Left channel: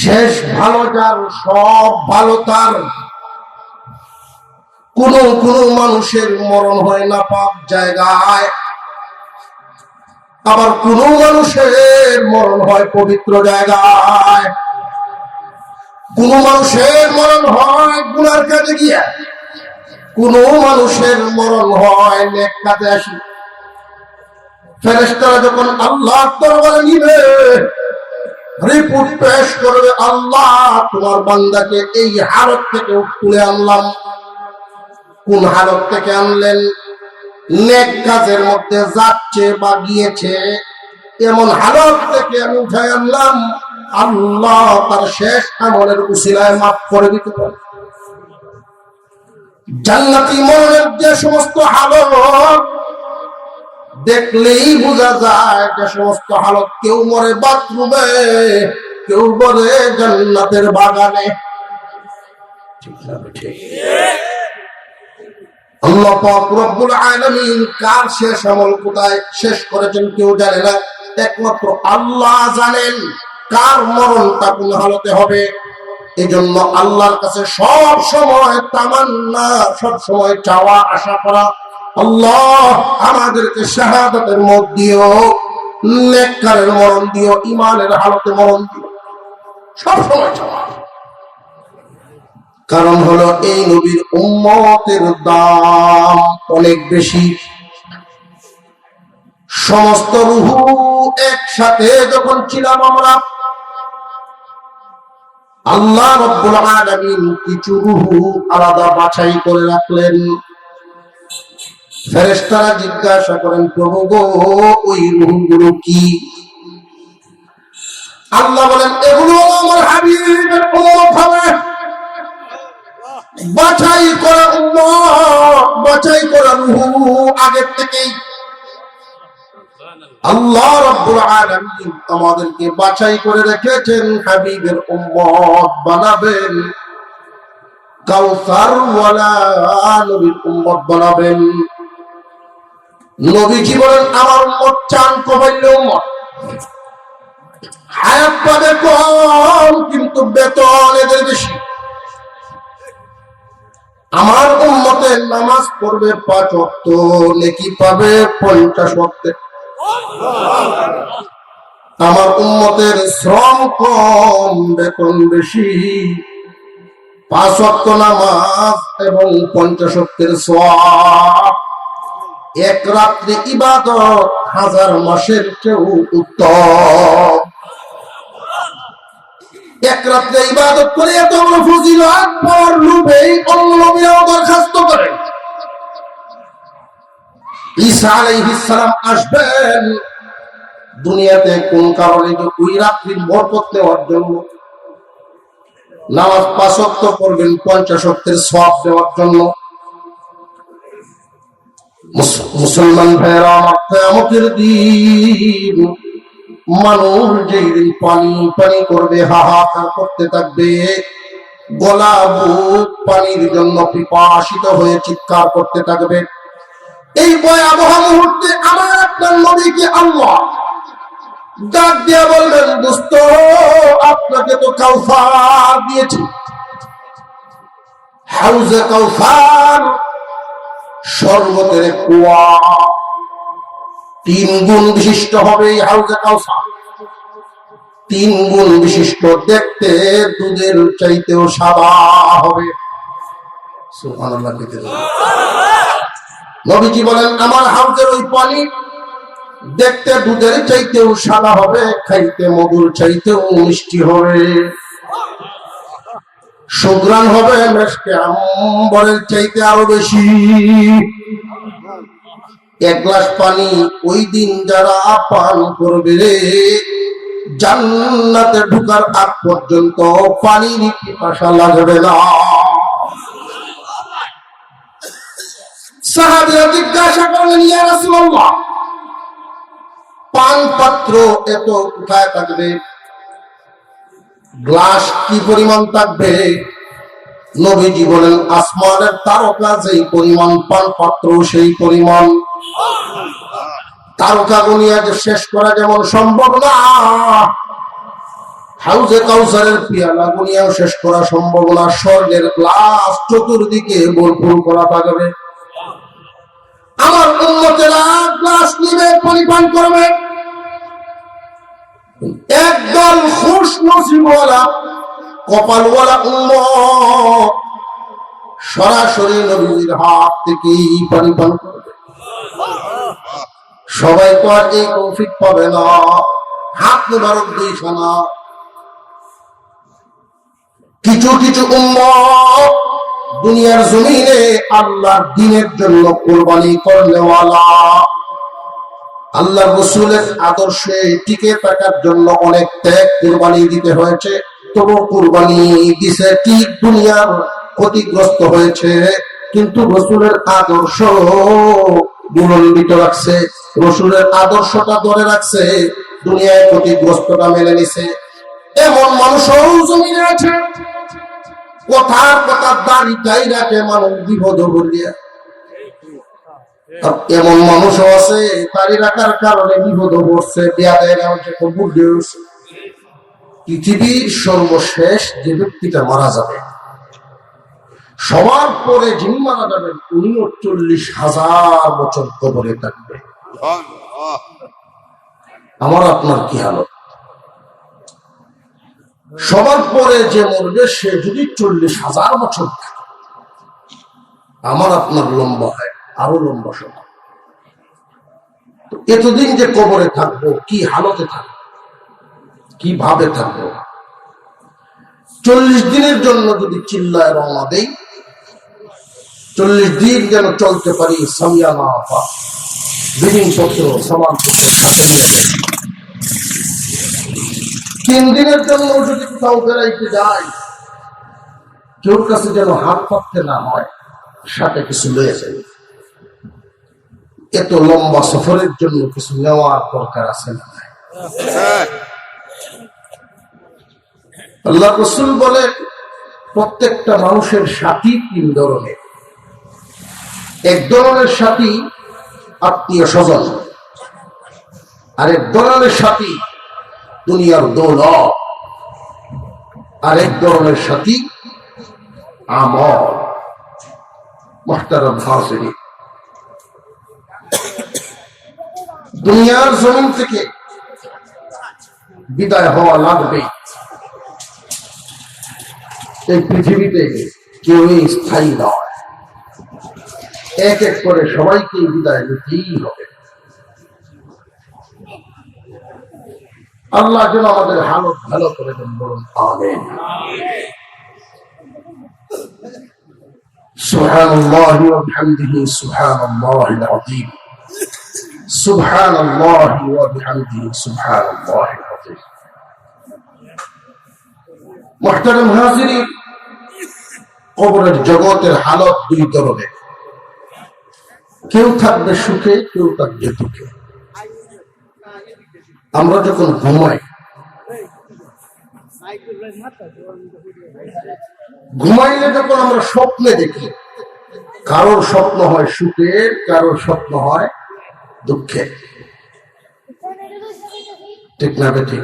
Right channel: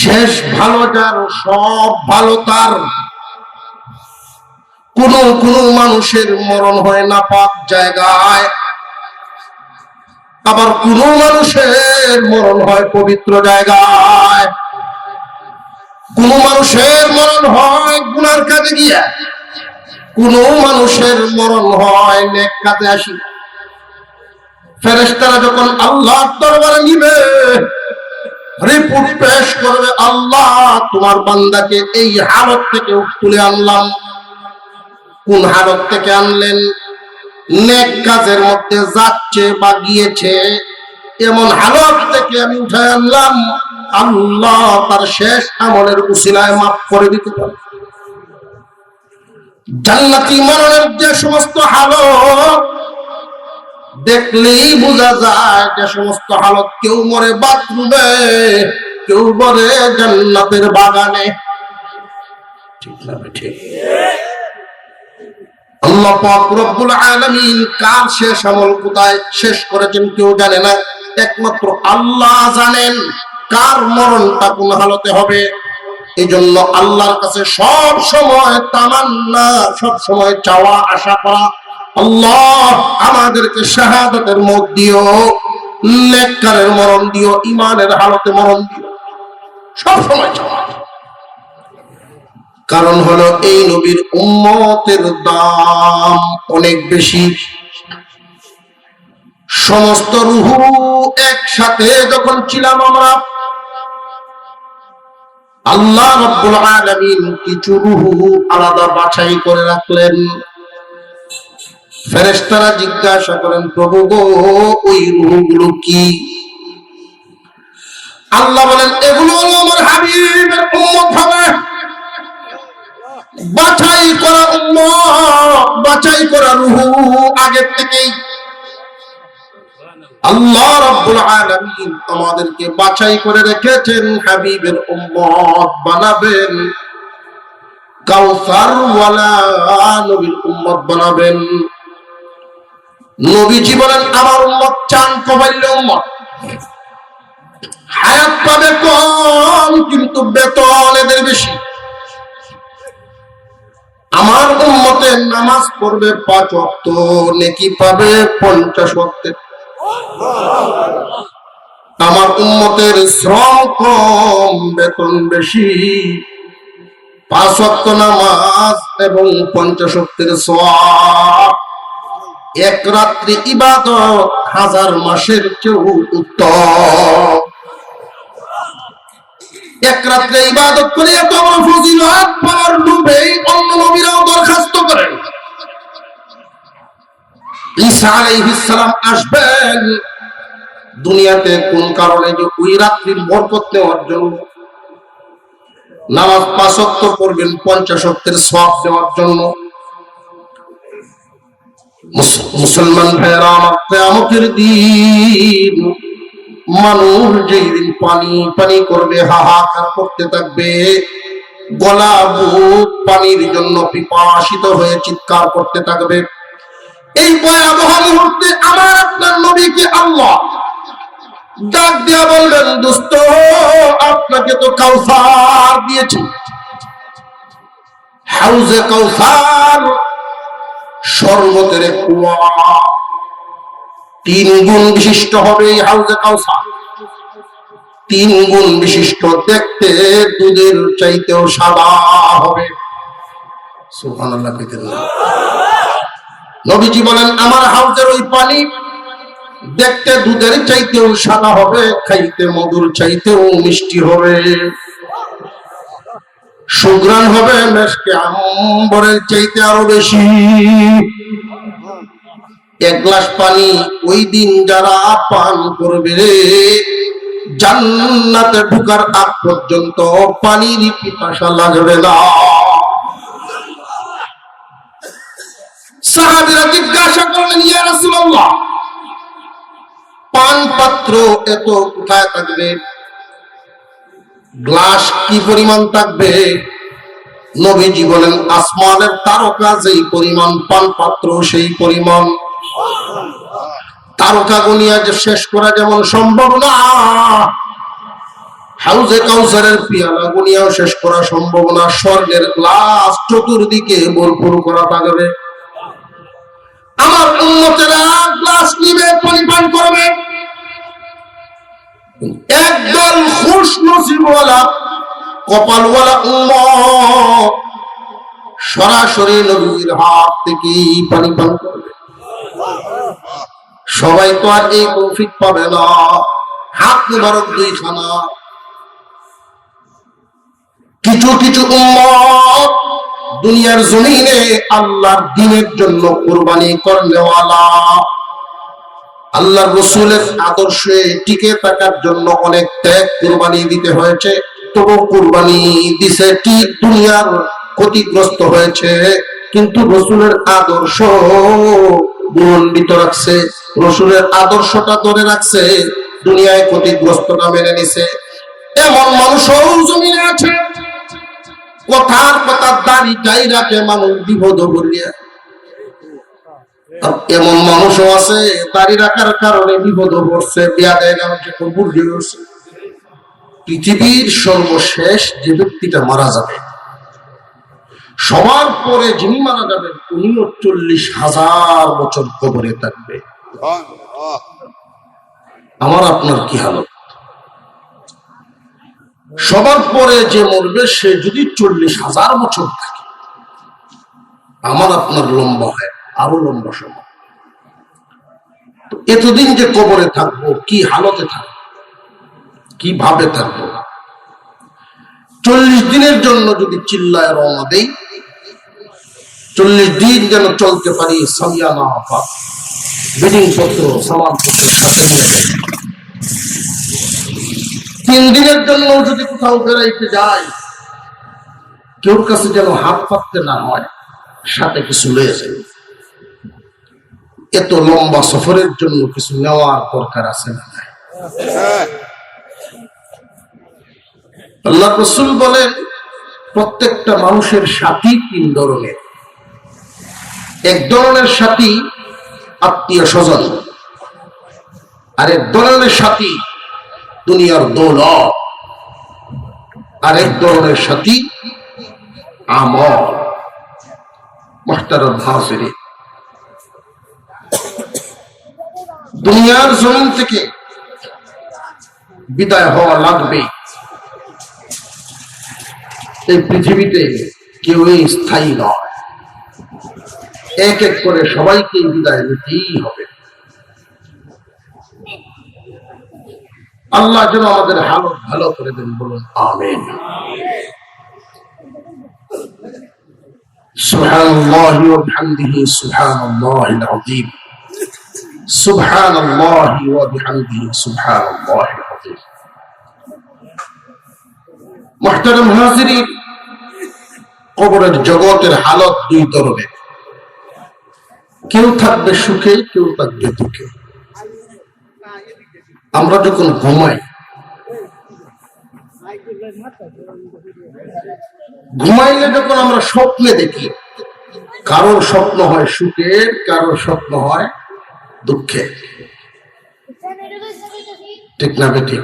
শেষ ভালো যার, সব ভালো তার। কোন কোন মানুষের মরণ হয় নাপাক জায়গায়, আবার কোন মানুষের মরণ হয় পবিত্র জায়গায়। কোন মানুষের মরণ হয় গুনার কাজে গিয়া, কোন মানুষের মরণ হয় নেক কাজে আসি। ফেরেশতারা যখন আল্লাহর দরবারে নিবে, রিপোর্ট পেশ করবে, আল্লাহ তোমার বান্দাকে এই হালত থেকে তুলে আনলাম। কোন হালত থেকে আনলেন? নেক কাজের মধ্যে যাচ্ছে বা গিয়েছে, এমন হালত থেকে আমি উঠে আনলাম। আল্লাহ তার শেষ আমলের উসিলায় মাফ করে দিতে পারে। জান্নাতি মরণের যে সমস্ত হালত দেখলেই বোঝা যায়, যে সমস্ত হালত, কেউ মরে বাথরুমে, কেউ মরে জান্নাতের বাগানে। ঠিক না? ঠিক। আল্লাহ পাক রব্বুল আলামিন কার শেষ আমল কোথায় শেষ করেছেন কেউ জানে না, একমাত্র আল্লাহ জানেন কার মরণটা কোন হালতে হবে। এজন্য আল্লাহর কাছে সব সময় তামান্না, সব সময় চাওয়া, আশা করা, আল্লাহ আমাদেরকে শাহাদাতের মত দিও, নেককারের মরণ দিও, ঈমানের হালতে মরণ দিও, সব সময় চাওয়া। কারণ হলো এই নবীর উম্মতের দাম অনেক বেশি। সমস্ত রূহ একসাথে যখন ছিলাম আমরা, আল্লাহ রাব্বুল আলামিন কিছু রূহ আলাদা বাছাই করে রাখলেন। ফেরেশতারা জিজ্ঞাসা করেন, প্রভু গো, ওই রূহগুলো কি? আল্লাহ বলেন, এগুলো হলো আমার হাবিবের উম্মত হবে, বাছাই করা উম্মত, বাছাই করা রূহ আগের থেকেই। আল্লাহ রাব্বুল আলামিন আমাদেরকে বাছাই করে রেখেছেন, হাবিবের উম্মত বানাবেন, কাউসার ওয়ালা নবীর উম্মত বানাবেন। নবীজি বলেন, আমার উম্মত চান কমাইলে উম্মত, হায়াত পাবে কম কিন্তু বেতন এদের বেশি। আমার উম্মতের নামাজ পড়বে 5 ওয়াক্ত, নেকি পাবে 50 ওয়াক্তের। আমার উম্মতের শ্রম কম, বেতন বেশি। 5 ওয়াক্ত নামাজ এবং 50 ওয়াক্তের সওয়াব, এক রাত্রি ইবাদত 1000 মাসের চেয়েও উত্তম। এক রাত্রে ইবাদত করে এত বড় ফজিলত পাওয়ার লোভে অন্য নবীরাও দরখাস্ত করেন। ঈসা আলাইহিস সালাম আসবেন দুনিয়াতে কোন কারণে? যে ওই রাত্রির বরকত নেওয়ার জন্য। নামাজ 5 ওয়াক্ত পড়বেন 50 ওয়াক্তের সওয়াব দেওয়ার জন্য। মুসলমান ভাইরা আমার, কিয়ামতের দিন মানুষ যেদিন পানি পানি করবে, হাহাকার করতে থাকবে, গলা বুক পানির জন্য পিপাসিত হয়ে চিৎকার করতে থাকবে, এই ভয়াবহ মুহূর্তে আমার আপনার নবীকে আল্লাহ ডাক দিয়া বলবেন, দোস্ত, আপনাকে তো কাউসার দিয়েছি, হাউজে কাউসার, শরবতের কুয়া, 3 গুণ বিশিষ্ট হবে এই হাউজে কাউসার। 3 গুণ বিশিষ্ট, দেখতে দুধের চাইতেও সাদা হবে। সুবহানাল্লাহ। নবীজি বলেন, আমার হাউজের ওই পানি দেখতে দুধের চাইতেও সাদা হবে, খাইতে মধুর চাইতেও মিষ্টি হবে, সুঘ্রাণ হবে মেশকে আম্বরের চাইতে আরো বেশি। 1 গ্লাস পানি ওই দিন যারা পান করবে রে, জান্নাতে ঢোকার আগ পর্যন্ত পানির পিপাসা লাগবে না। সাহাবীরা জিজ্ঞাসা করলেন, ইয়া রাসূলুল্লাহ, পান পাত্র এত কোথায় থাকবে? গ্লাস কি পরিমাণ থাকবে? নবীজি বলেন, আসমানের তারকা যেই পরিমাণ, পান পাত্র সেই পরিমাণ। তারকা গুনিয়া যে শেষ করা যেমন সম্ভব না, হাউজে কাউসারের পিয়ালা গুনিয়াও শেষ করা সম্ভব না। স্বর্গের গ্লাস চতুর্দিকে ভরপুর করা থাকবে। আমার উম্মতেরা গ্লাস নিবে, পানি পান করবে। একদল খুশ নসিবওয়ালা কপালওয়ালা উম্মত সরাসরি নবীর হাত থেকে পানি পান করবে। সবাই তো আর এই তৌফিক পাবে না। হাত মুবারক দুইখানা। কিছু কিছু উম্মত দুনিয়ার জমিনে আল্লাহর দ্বীনের জন্য কুরবানি করনেওয়ালা, আল্লাহর রাসূলের আদর্শে টিকে থাকার জন্য অনেক ত্যাগ কুরবানি দিতে হয়েছে। তবু কুরবানি দিছে ঠিক, দুনিয়ার ক্ষতিগ্রস্ত হয়েছে, কিন্তু রাসূলের আদর্শ বুলন্দিত রাখছে, রাসূলের আদর্শটা ধরে রাখছে, দুনিয়ায় ক্ষতিগ্রস্তটা মেনে নিছে। এমন মানুষও জমিনে আছে, কথার কথা দাঁড়িটাই রাখে মানুষ বিপদ করিয়া। এমন মানুষও আছে দাড়ি রাখার কারণে বিপদ পড়ছে, বিয়া দেয় না, বুদ্ধি হচ্ছে। পৃথিবীর সর্বশেষ যে ব্যক্তিটা মারা যাবে, সবার পরে যিনি মারা যাবেন উনিও 40,000 বছর কবরে থাকবে। আমার আপনার কি হালত? সবার পরে যে মরবে সে যদি 40,000 বছর থাকে, আমার আপনার লম্বা হয় আরো লম্বা সময়। তো এতদিন যে কবরে থাকবো, কি হালতে থাকবো, কিভাবে থাকবো? 40 দিনের জন্য যদি চিল্লায় রওনা দেই, 40 দিন যেন চলতে পারি সামিয়ানা বিডিং পত্র সামানপত্র সাথে নিয়ে যাই। 3 দিনের জন্য যদি কোথাও বেড়াইতে যাই, কেউর কাছে যেন হাত পাততে না হয়, সাথে কিছু লয়ে যাই। এত লম্বা সফরের জন্য কিছু নেওয়ার দরকার আছে না? আল্লাহ রাসূল বলেন প্রত্যেকটা মানুষের সাথী 3 ধরনের। এক ধরনের সাথী আত্মীয় স্বজন, আরেক ধরনের সাথী দুনিয়ার দৌলত, আরেক ধরনের সাথী আমল। মুহতারাম হাজিরিন, দুনিয়ার জমিন থেকে বিদায় হওয়া লাগবে। এই পৃথিবীতে কেউই স্থায়ী নয়, এক এক করে সবাইকে বিদায় নিতেই হবে। আল্লাহ যেন আমাদের হালত ভালো করে দেন, বলুন আমিন। সুবহানাল্লাহি ওয়া বিহামদিহি সুবহানাল্লাহিল আযীম। সুবহানাল্লাহি ওয়া বিহামদিহি সুবহানাল্লাহিল আযীম। মুহতারাম হাজিরিন, কবরের জগতের হালত 2 ধরনের। কেউ থাকবে সুখে, কেউ থাকবে দুঃখে। আমরা যখন ঘুমাই, ঘুমাইলে যখন আমরা স্বপ্নে দেখি, কারোর স্বপ্ন হয় সুখে, কারোর স্বপ্ন হয় দুঃখে। ঠিক না ঠিক?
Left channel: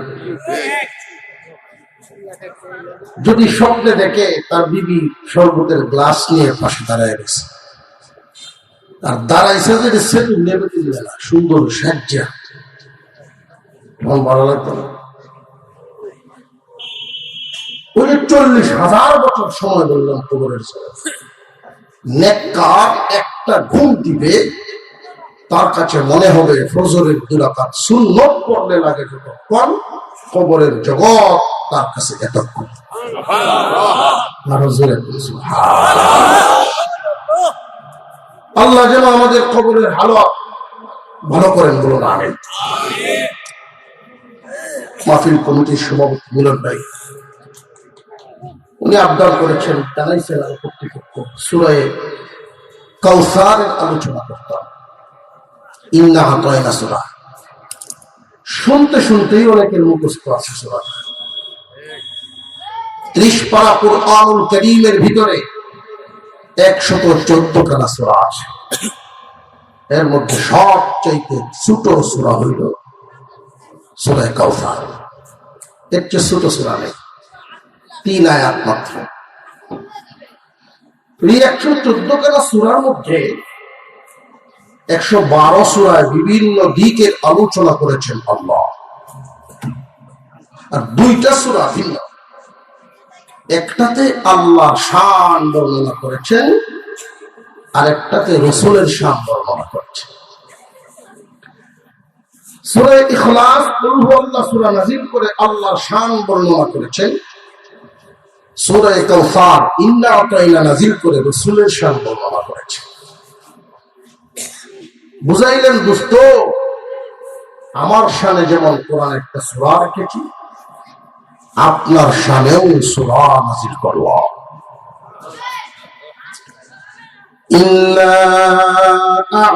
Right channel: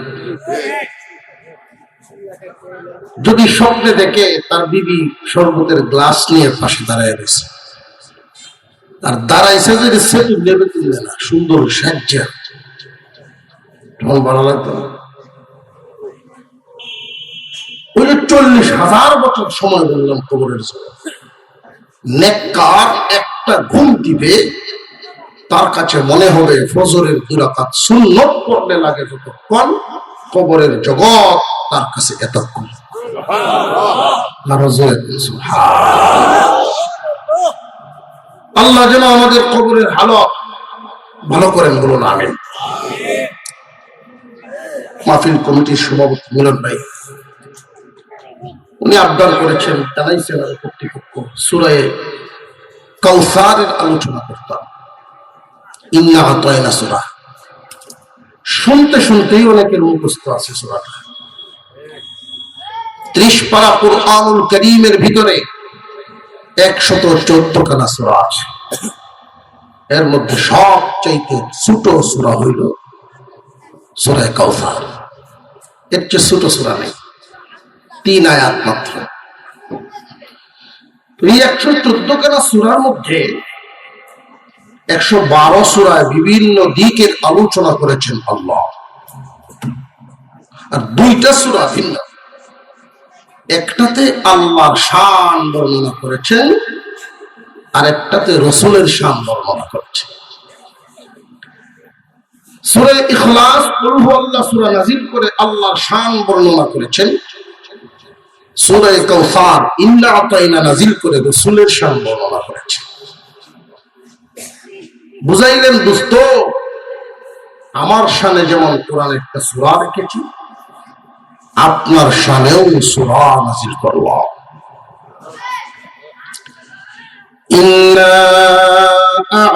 যদি স্বপ্নে দেখে তার বিবি শরবতের গ্লাস নিয়ে পাশে দাঁড়ায় রয়েছে, আর দাঁড়াইছে যদি সেতু নেবে তুলবে না, সুন্দর সাজ্জা, তখন ভালো লাগতো না? ওই 40,000 বছর সময় বললাম কবরের জন্য। নেককার একটা ঘুম দিবে, তার কাছে মনে হবে ফজরের 2 রাকাত সুন্নত পড়লে লাগে যতক্ষণ, কবরের জগৎ তার কাছে এতক্ষণ। আল্লাহ যেন আমাদের কবরের হালত ভালো করেন, বলুন আমিন। মাহফিল কমিটির সভাপতি মিলন ভাই, উনি আবদার করেছেন, জানাইছেন কর্তৃপক্ষ সূরা কাউসারের আলোচনা করতাম। ইন্না আতাইনা সূরা শুনতে শুনতেই অনেকের মুখস্থ আছে সূরাটা। 30 পারা কুরআনুল কারীমের ভিতরে 114 খানা সূরা আছে। এর মধ্যে সবচেয়ে ছোট সূরা হইল সূরা কাউসার। এর চেয়ে ছোট সূরা নেই, 3 আয়াত মাত্র। এই 114 খানা সূরার মধ্যে 112 সূরায় বিভিন্ন দিকের আলোচনা করেছেন আল্লাহ, আর 2টা সূরা ভিন্ন। একটাতে আল্লাহর শান বর্ণনা করেছেন, আর একটাতে রাসূলের শান বর্ণনা করেছেন। সূরা ইখলাস কুল হুয়াল্লাহ সূরা নাযিল করে আল্লাহর শান বর্ণনা করেছেন। সূরা কাউসার ইন্না আতাইনা নাযিল করে রাসূলের শান বর্ণনা করেছেন। বুঝাইলেন দোস্ত, আমার শানে যেমন কোরআন একটা সূরা রেখেছি, আপনার শানেও সূরা নাযিল করলাম। ইন্না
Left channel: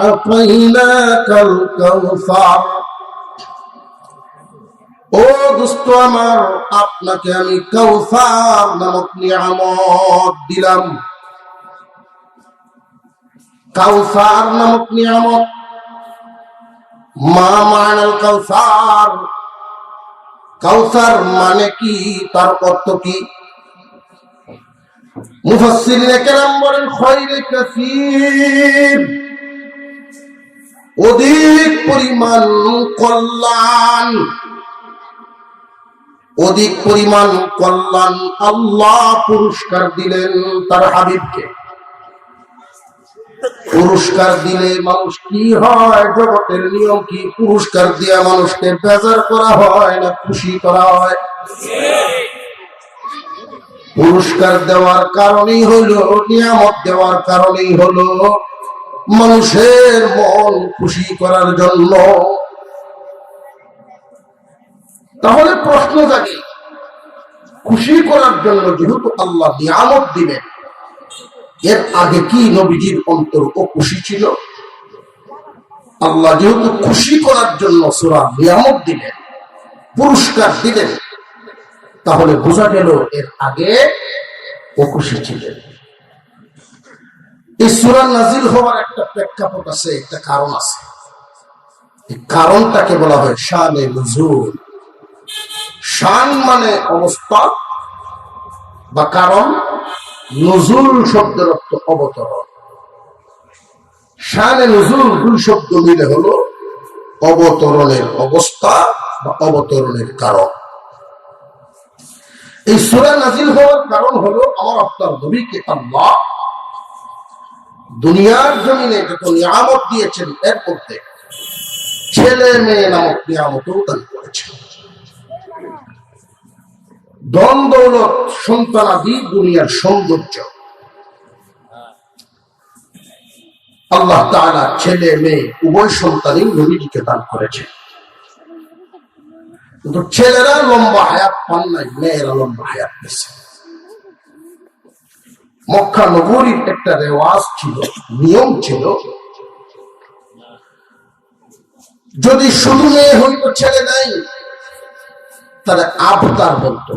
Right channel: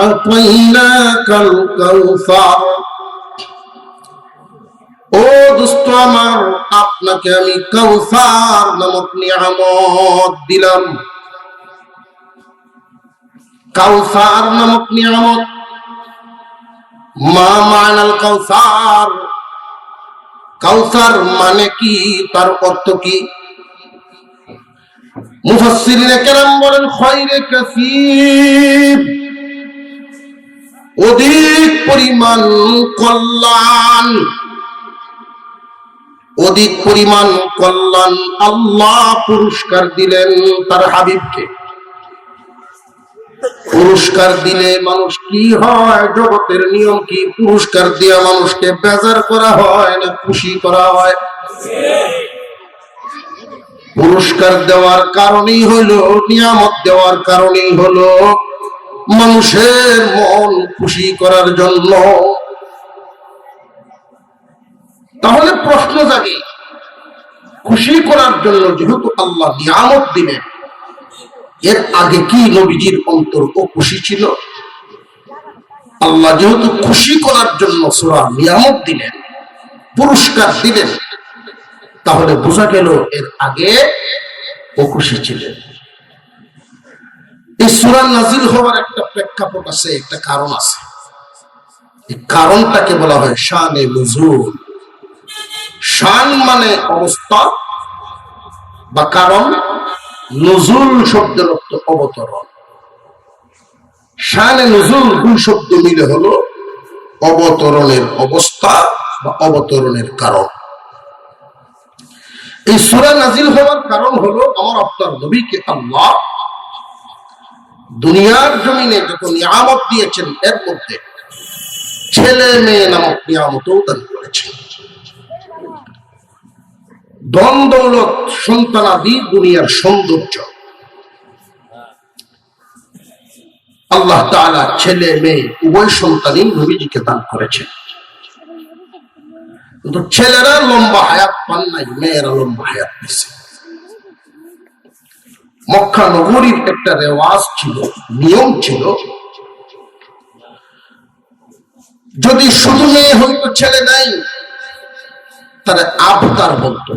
আ'তাইনাকাল কাউসার, ও দোস্ত আমার, আপনাকে আমি কাউসার নামক নিয়ামত দিলাম। কাউসার নামক নিয়ামত, মা মানাল কাউসার, কাউসার মানে কি, তার অর্থ কি? মুফাসসিরিনে কেরাম বলেন খয়রে কাসীর, অধিক পরিমাণ কল্যাণ, অধিক পরিমাণ কল্যাণ আল্লাহ পুরস্কার দিলেন তার হাবিবকে। পুরস্কার দিলে মানুষ কি হয়, জগতের নিয়ম কি, পুরস্কার দিয়া মানুষকে বেজার করা হয় না খুশি করা হয়? পুরস্কার দেওয়ার কারণেই হলো, নিয়ামত দেওয়ার কারণেই হলো মানুষের মন খুশি করার জন্য। তাহলে প্রশ্ন জাগে, খুশি করার জন্য যেহেতু আল্লাহ নিয়ামত দিলেন, এর আগে কি নবীজির অন্তর ও খুশি ছিল? আল্লাহ যেহেতু খুশি করার জন্য সূরা নিয়ামত দিলেন, পুরস্কার দিলেন, তাহলে বোঝা গেল এর আগে ও খুশি ছিলেন। এই সূরা নাযিল হওয়ার একটা প্রেক্ষাপট আছে, একটা কারণ আছে। এই কারণটাকে বলা হয় শানে নুজুল। শান মানে অবস্থা বা কারণ, নুজুল শব্দের অর্থ অবতরণ। শানে নুজুল 2 শব্দ মিলে হলো অবতরণের অবস্থা বা অবতরণের কারণ। এই সূরা নাযিল হওয়ার কারণ হলো আমার আপনার নবীকে আল্লাহ দুনিয়ার জমিনে যত নিয়ামত দিয়েছেন, এর মধ্যে ছেলে মেয়ে নামক নিয়ামতও দান করেছেন। ধন দৌলত সন্তানাদি দুনিয়ার সৌন্দর্য, আল্লাহ তাআলা ছেলে মেয়ে উভয় সন্তানই নবীজিকে দান করেছেন। কিন্তু ছেলেরা লম্বা হায়াত পান নাই, মেয়েরা লম্বা হায়াত পেয়েছে। মক্কা নগরীর একটা রেওয়াজ ছিল, নিয়ম ছিল, যদি শুধু মেয়ে হইতো, ছেলে নাই, তারা আবতার বলতো।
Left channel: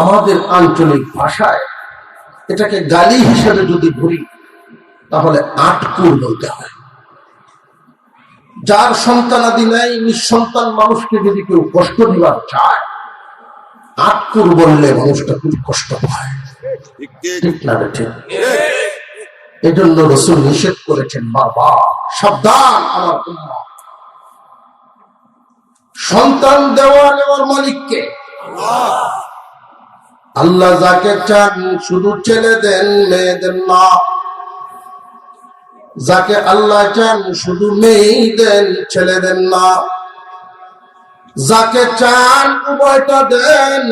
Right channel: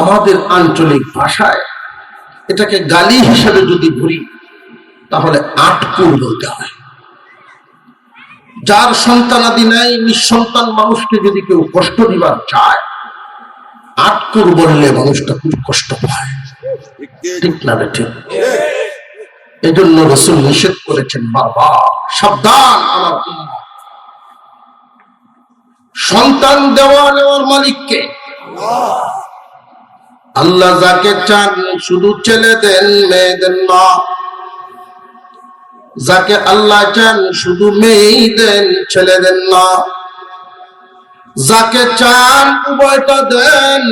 আমাদের আঞ্চলিক ভাষায় এটাকে গালি হিসেবে যদি ধরি, তাহলে আটকুর বলতে হয়। যার সন্তানাদি নাই, নিঃসন্তান মানুষকে যদি কেউ কষ্ট দিবার চায়, আটকুর বললে মানুষটা খুব কষ্ট পায়। ঠিক না বেঠিক? এই জন্য রাসূল নিষেধ করেছেন, বাবা সাবধান আমার উম্মত, সন্তান দেওয়ার মালিককে আল্লাহ যাকে চান শুধু ছেলে দেন, মেয়ে দেন না। যাকে আল্লাহ চান শুধু মেয়ে দেন, ছেলে দেন না। যাকে চান উভয়টা দেন,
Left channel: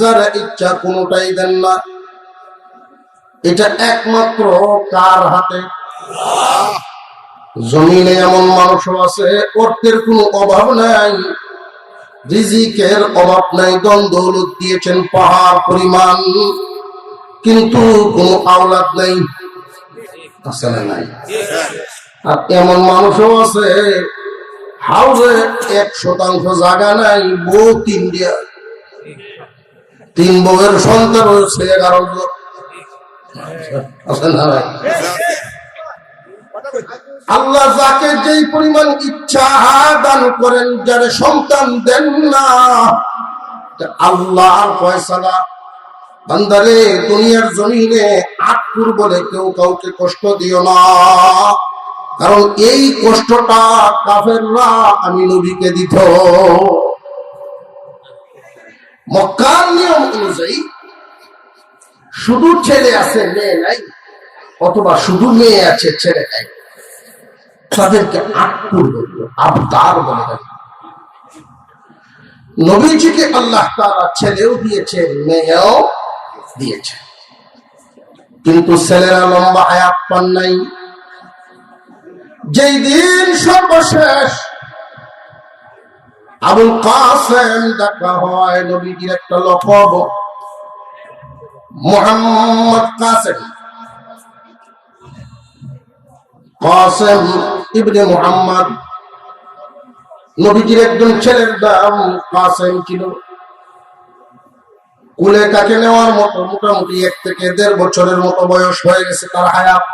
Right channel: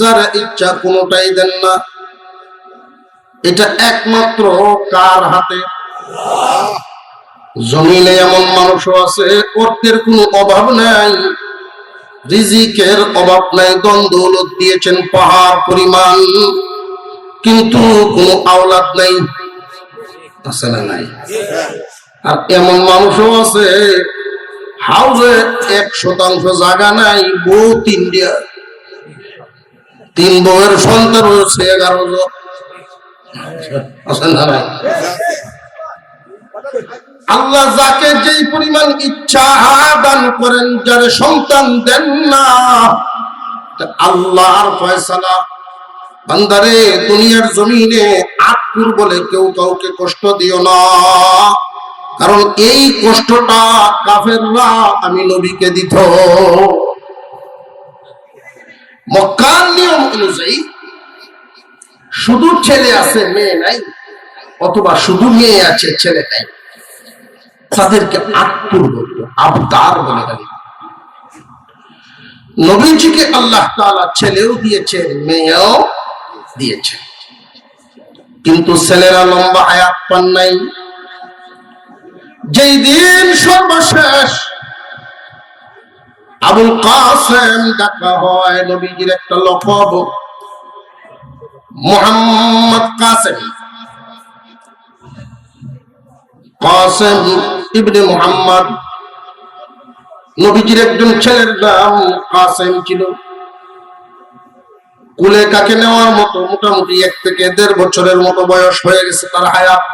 যারা ইচ্ছা কোনোটাই দেন না। এটা একমাত্র কার হাতে? জমিনে এমন মানুষও আছে, অর্থের কোনো অভাব নাই, রিজিকের অভাব নাই, ধন দৌলত দিয়েছেন পাহাড় পরিমাণ, কিন্তু কোনো আওলাদ নাই। আছে না নাই? আর এমন মানুষও আছে, হাউসে 1% জায়গা নাই, বউ 3 বউয়ের সন্তান হয়েছে 11 জন। আছে না নাই? আল্লাহ যাকে যেই পরিমাণ ইচ্ছা দান করেন, যারা সন্তান দেন না, আল্লাহর ফয়সালা। বান্দারে, দুনিয়ার জমিনে আটকুর বলে কেউ কাউকে কষ্ট দিও না, কারণ এই কষ্টটা কাফেররা আমি নবীকে দিত। মক্কার নিয়ম অনুযায়ী শুধু ছেলে আছে মেয়ে নাই, অথবা শুধু মেয়ে আছে ছেলে নাই, তাদেরকে আটকুর বলতো, আবতার বলে থাকে। নবীজিকে আল্লাহ তাআলা ছেলেও দিয়েছে মেয়েও দিয়েছে, কিন্তু ছেলেরা লম্বা হায়াত পান নাই। যেই দিন সর্বশেষ আবুল কাসেম ডাকা হয়, নবীজির একটা লকব মুহাম্মদ কাসেম, কাসেম ইবনে মুহাম্মদ, নবীজির একজন ছেলের নাম কাসেম ছিল। কুলে কাকে নেওয়ার মতো মোটামুটি 1 থেকে 1.5 বছরের মতো বয়স হয়ে গেছে তার হায়াত।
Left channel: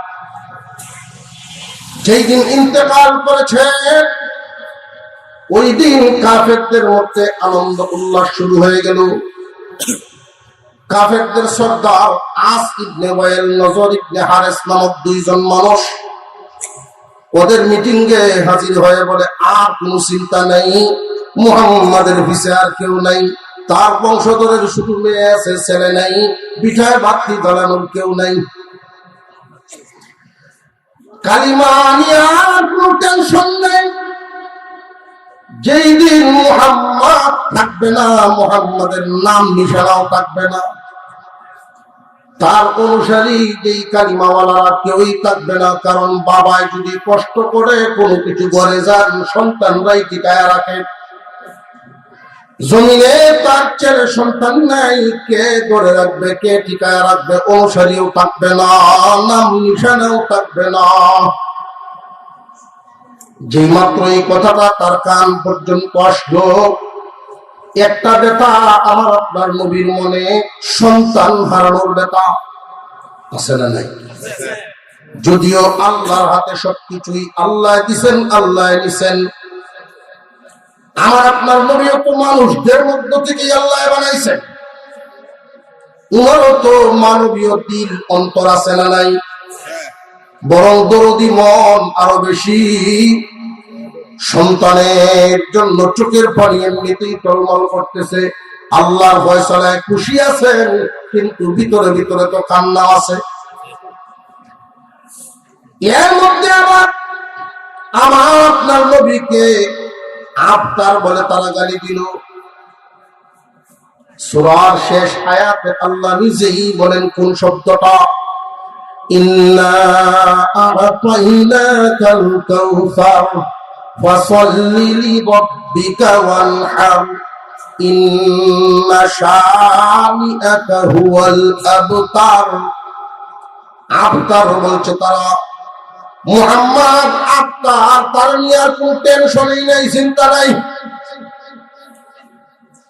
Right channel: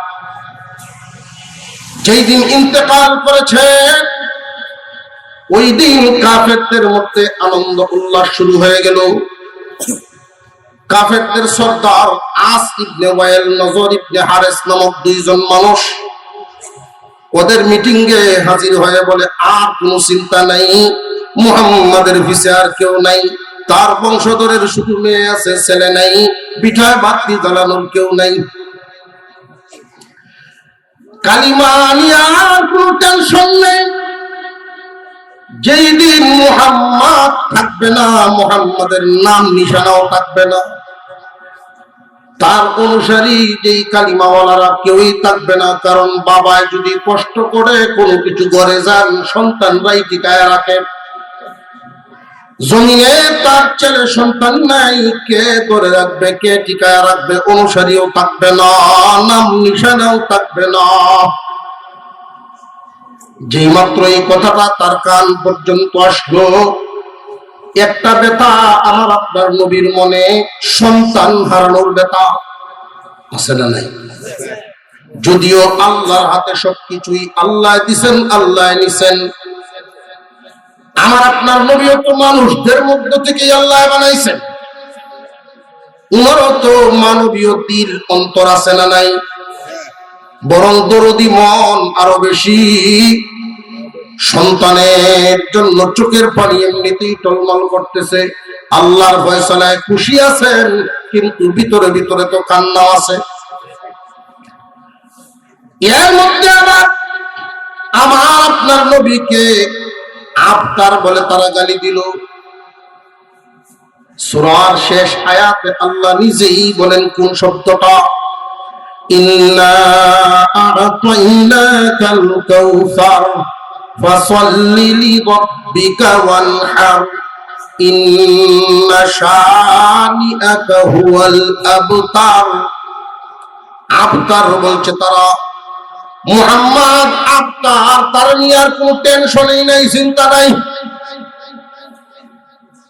যেই দিন ইন্তেকাল করেছে, ওই দিন কাফেরদের মধ্যে আনন্দ উল্লাস শুরু হয়ে গেল। কাফেরদের সর্দার আস ইবনে ওয়াইল, নজর ইবনে হারেস নামক 2 জন মানুষ ওদের মিটিং এ হাজির হয়ে বলে, আর কোনো চিন্তা নাই, মুহাম্মাদের পিছে আর কেউ নাই, তার বংশধরের শুধু মেয়ে আছে, ছেলে নাই, পিঠায় বাতি জ্বালানোর কেউ নাই। কালিমা নিয়ে কোনো টেনশন নেই। যেই দিন মুহাম্মদ থাকবে না, মুহাম্মাদের নাম নিশানাও থাকবে না, তার অনুসারী যেই কালিমাওয়ালারা কেউই থাকবে না। কারণ বাবায় যদি কষ্ট করে কোনো কিছু ঘরে যান, সন্তানরাই টিকায় রাখে। জমিনে তার ছেলে সন্তান নাই, কে করে রাখবে, কে টিকায় রাখবে? অনুসারীও থাকবে না, নাম নিশানাও থাকবে না। যেই মাত্র এই কথাটা তার কান পর্যন্ত আসলো, একটা ব্যথা আমার আপনার নবীর মনে, সন্তান হারানোর ব্যথা আছে না নাই? যদিও আল্লাহর হাতে সবকিছুই, আল্লাহ দিছেন, আল্লাহ নিছেন। আমার আপনার নবীও তো মানুষদের মধ্য থেকে আল্লাহ বানাইছেন, উনারও তো মানবীয় দিল অন্তর আছে না নাই? বরং দরদি মন আরো বেশি। সন্তানের জন্য চোখের পানি এমনিতেই টলমল করতেছে, আল্লাহর ফয়সালায় খুশি আছেন, কিন্তু ভিতরে ভিতরে তো কান্না আছে। এর মধ্যে আমার আপনার নবীকে আবতার বলে তারা গালি দিল। সূরার শেষ আয়াতে আল্লাহ নিজেই বলেন কোন শব্দটা, ইন্না আ'তাইনাকাল কাউসার ফাসাল্লি লিরাব্বিকা ওয়ানহার ইন্না শানিআকা হুয়াল আবতার। আবতার বলছে তারা, মুহাম্মদ আবতার, তার নিয়ে আর কোনো টেনশনই নাই, চিন্তা নাই।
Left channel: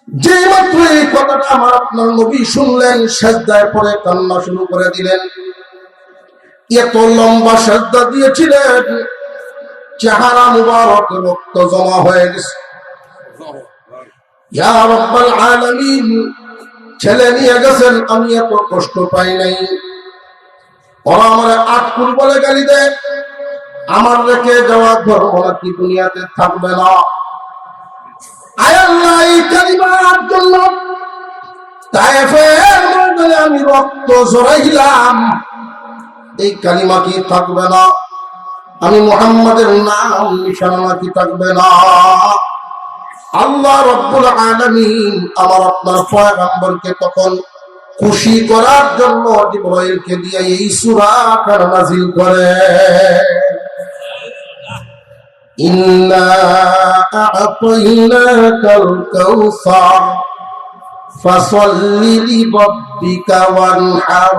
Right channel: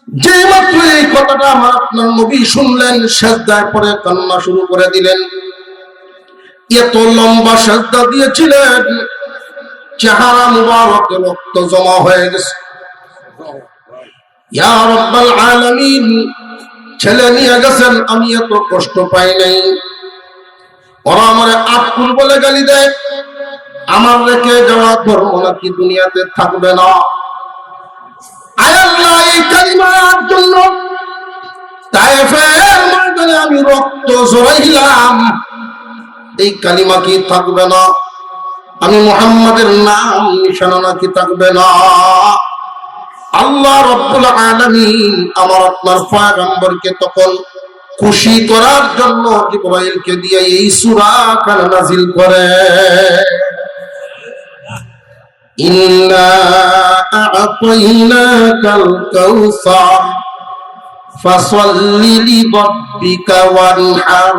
যে মাত্র এই কথাটা আমার আপনার নবী শুনলেন, সিজদায় পড়ে কান্না শুরু করে দিলেন। এত লম্বা সিজদা দিয়েছিলেন, চেহারা মুবারকে রক্ত জমা হয়ে গেছে। ইয়া রাব্বাল আলামিন, ছেলে নিয়ে গেছেন, আমি এত কষ্ট পাই নাই। ওরা আমারে আটকুল বলে গালি দেয়, আমার রেখে যাওয়া ধর্ম নাকি দুনিয়াতে থাকবে না। আয় আল্লাহ, এই কালিমার জন্য তায়েফের ময়দানে আমি রক্ত ঝরাইলাম, এই কালিমা কি থাকবে না? আমি মুহাম্মাদের নাম নিশানা নাকি থাকবে না? আল্লাহ রাব্বুল আলামিন আমার আপনার পয়গম্বরকে তখন খুশি করার জন্য জিবরাইলকে দিয়ে এই সূরা কানা নাযিল করে, ইন্না আ'তাইনাকাল কাউসার ফাসাল্লি লিরাব্বিকা ওয়ানহার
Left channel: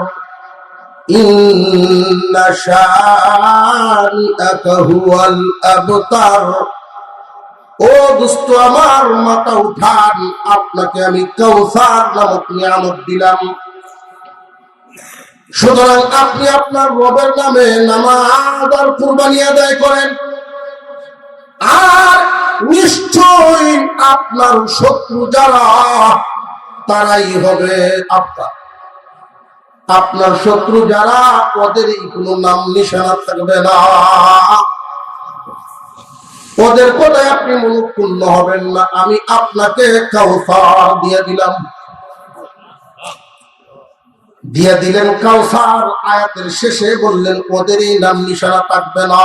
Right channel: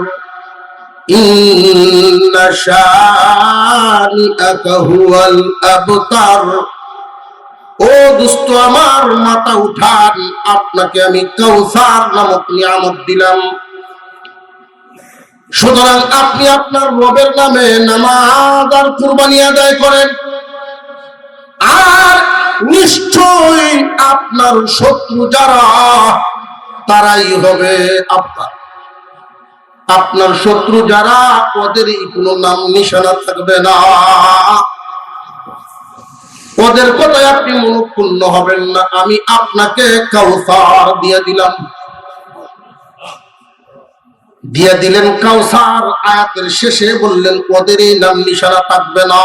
ইন্না শানিআকা হুয়াল আবতার। ও দোস্ত আমার, মাথা উঠান, আপনাকে আমি কাউসার নামক নিয়ামত দিলাম। সুতরাং আপনি আপনার রবের নামে নামাজ আর কুরবানি আদায় করেন, আর নিশ্চয়ই আপনার শত্রু যারা তারাই হবে আপনার। আপনার শত্রু যারা, ওদেরই কোনো নাম নিশানা থাকবে না, ওদের কথায় আপনি মনোক্ষুণ্ণ হবেন না। আমি আপনাকে কাউসার দিয়ে দিলাম, দিয়ে দিলেন কাউসার। আয়াতের শেষে বললেন ওদেরই নাম নিশানা থাকবে না।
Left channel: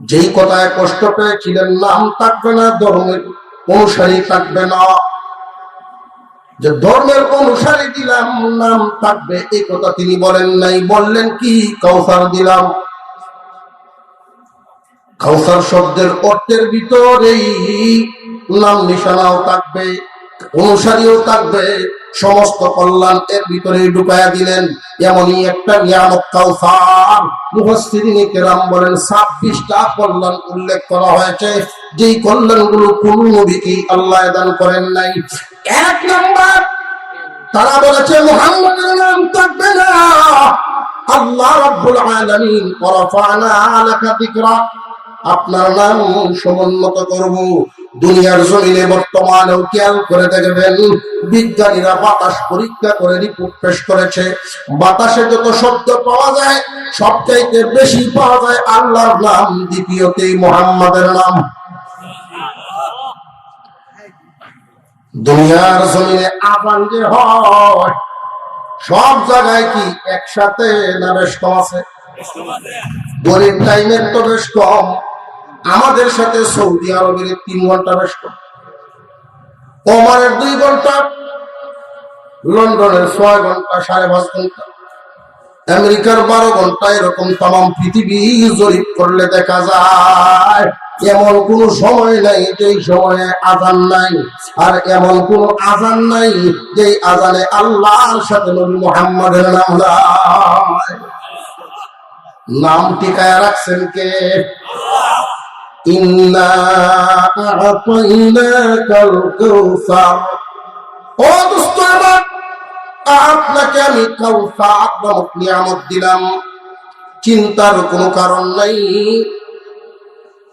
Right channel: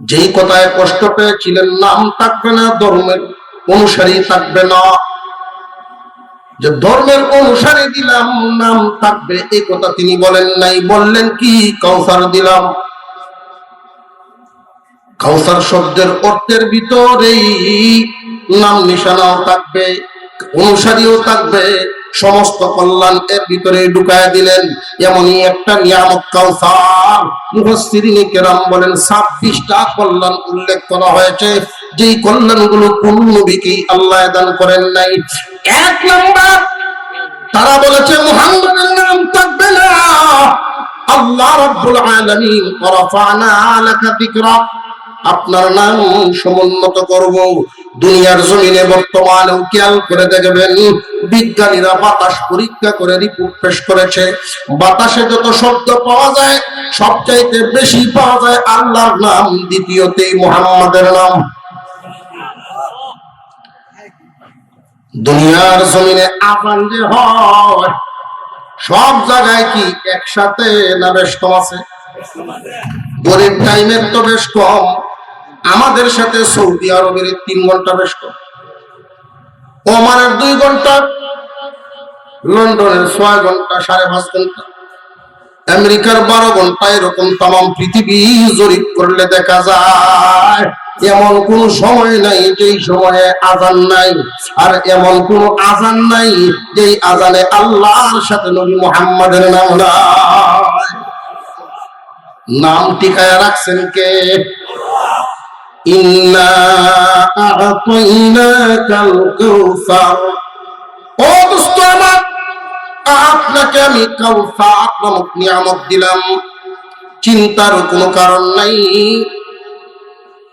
যেই কথায় কষ্ট পেয়েছিলেন, নাম থাকবে না, ধর্মের অনুসারী থাকবে না, যে ধর্মের অনুসারী দিলাম নাম থাকবে, এই কথা তিনি বলেন নাই। বললেন কি? কাউসার দিলাম। কাউসার শব্দের অর্থের ভিতরেই নাম নিশানাও থাকবে, অনুসারীও থাকবে, সমস্ত কল্যাণ এর ভিতরে ঢুকায় দিলেন। এমনই একটা নিয়ামত কাউসার। মুফাসসিরিনে কেরাম বলেন 26টা কল্যাণ উল্লেখ করা হয়েছে, যেই কল্যাণগুলো কোন নবীকে আল্লাহ দান করেন নাই। এক নম্বর, তারা বলেছে মুহাম্মাদের নাম থাকবে না। আল্লাহ রাব্বুল আলামিন ওয়ারাফা'না লাকা যিকরা, আপনার নাম সমুন্নত করব। দুনিয়ার জমিনে বর্তমানেও খেয়াল করে দেখবেন, বিজ্ঞানীরা বাতাস পরীক্ষা করে রিপোর্ট পেশ করেছে, বাতাসে যত শব্দ পাওয়া যায় সবচাইতে বেশি পাওয়া যায় আল্লাহর নাম, দ্বিতীয়তে মুহাম্মাদের নাম। দুনিয়ার জমিনে আযান যে হয়, সব জায়গায় কি একসাথে না বেশ কম আছে? গরিব টাইমের তো বেশ কম। আমাদের সাথে সৌদি আরবের 3 ঘন্টা বেশ কম, ওমানের 2 ঘন্টা, লন্ডনের 6 ঘন্টা, 5.5 ঘন্টা, আমেরিকার 12 ঘন্টা। এরকম তাম পৃথিবী জরিপ করলে দেখা যায় এমন কোন সময় নাই যেই সময়ে আযান নাই, আর এমন কোন আযান নাই যেই আযানে আল্লাহর সাথে নবী মুহাম্মাদের নাম নাই। নাম টিকায় রাখছেন কে? ইন্না আ'তাইনাকাল কাউসার। ও দোস্ত আমার, আপনাকে আমি কাউসার নামক নিয়ামত দিলাম, চিন্তার কোনো কারণ নাই।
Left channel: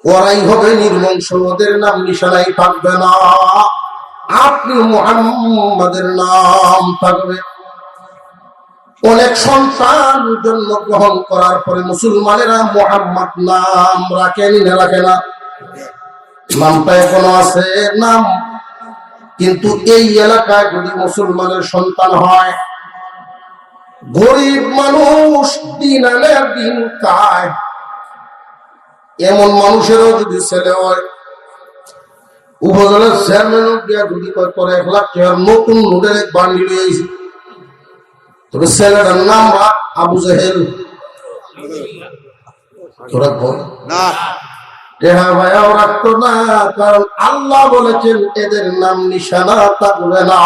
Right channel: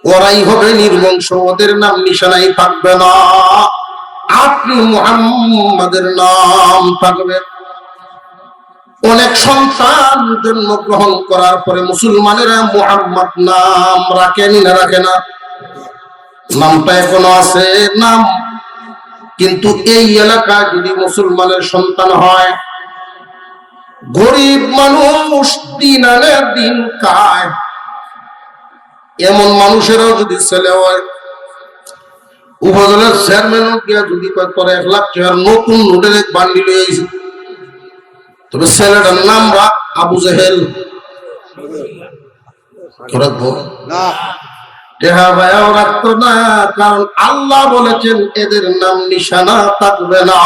ওরাই হবে নির্বংশ, ওদের নাম নিশানাই থাকবে না, আপনি মুহাম্মাদের নাম থাকবে। অনেক সন্তান জন্মগ্রহণ করার পরে মুসলমানেরা মুহাম্মদ নাম রাখেনি না রাখে না? নামটা এখনো আছে নাম, কিন্তু এই এলাকা যদি মুসলমানের সন্তান হয়, গরিব মানুষ, দিন আনে দিন খায়, এমন মানুষেরও যদি ছেলে হয়, উপজেলার চেয়ারম্যান দিয়া যদি কয় তোর 1 লাখ টাকার নতুন নোটের এক বান্ডিল হয়েছে, তবে ছেলেটার নাম রাখ আবু জেহেল। রাখতো না, কারণ আল্লাহ বলেছেন এদের নাম নিশানা থাকবে না।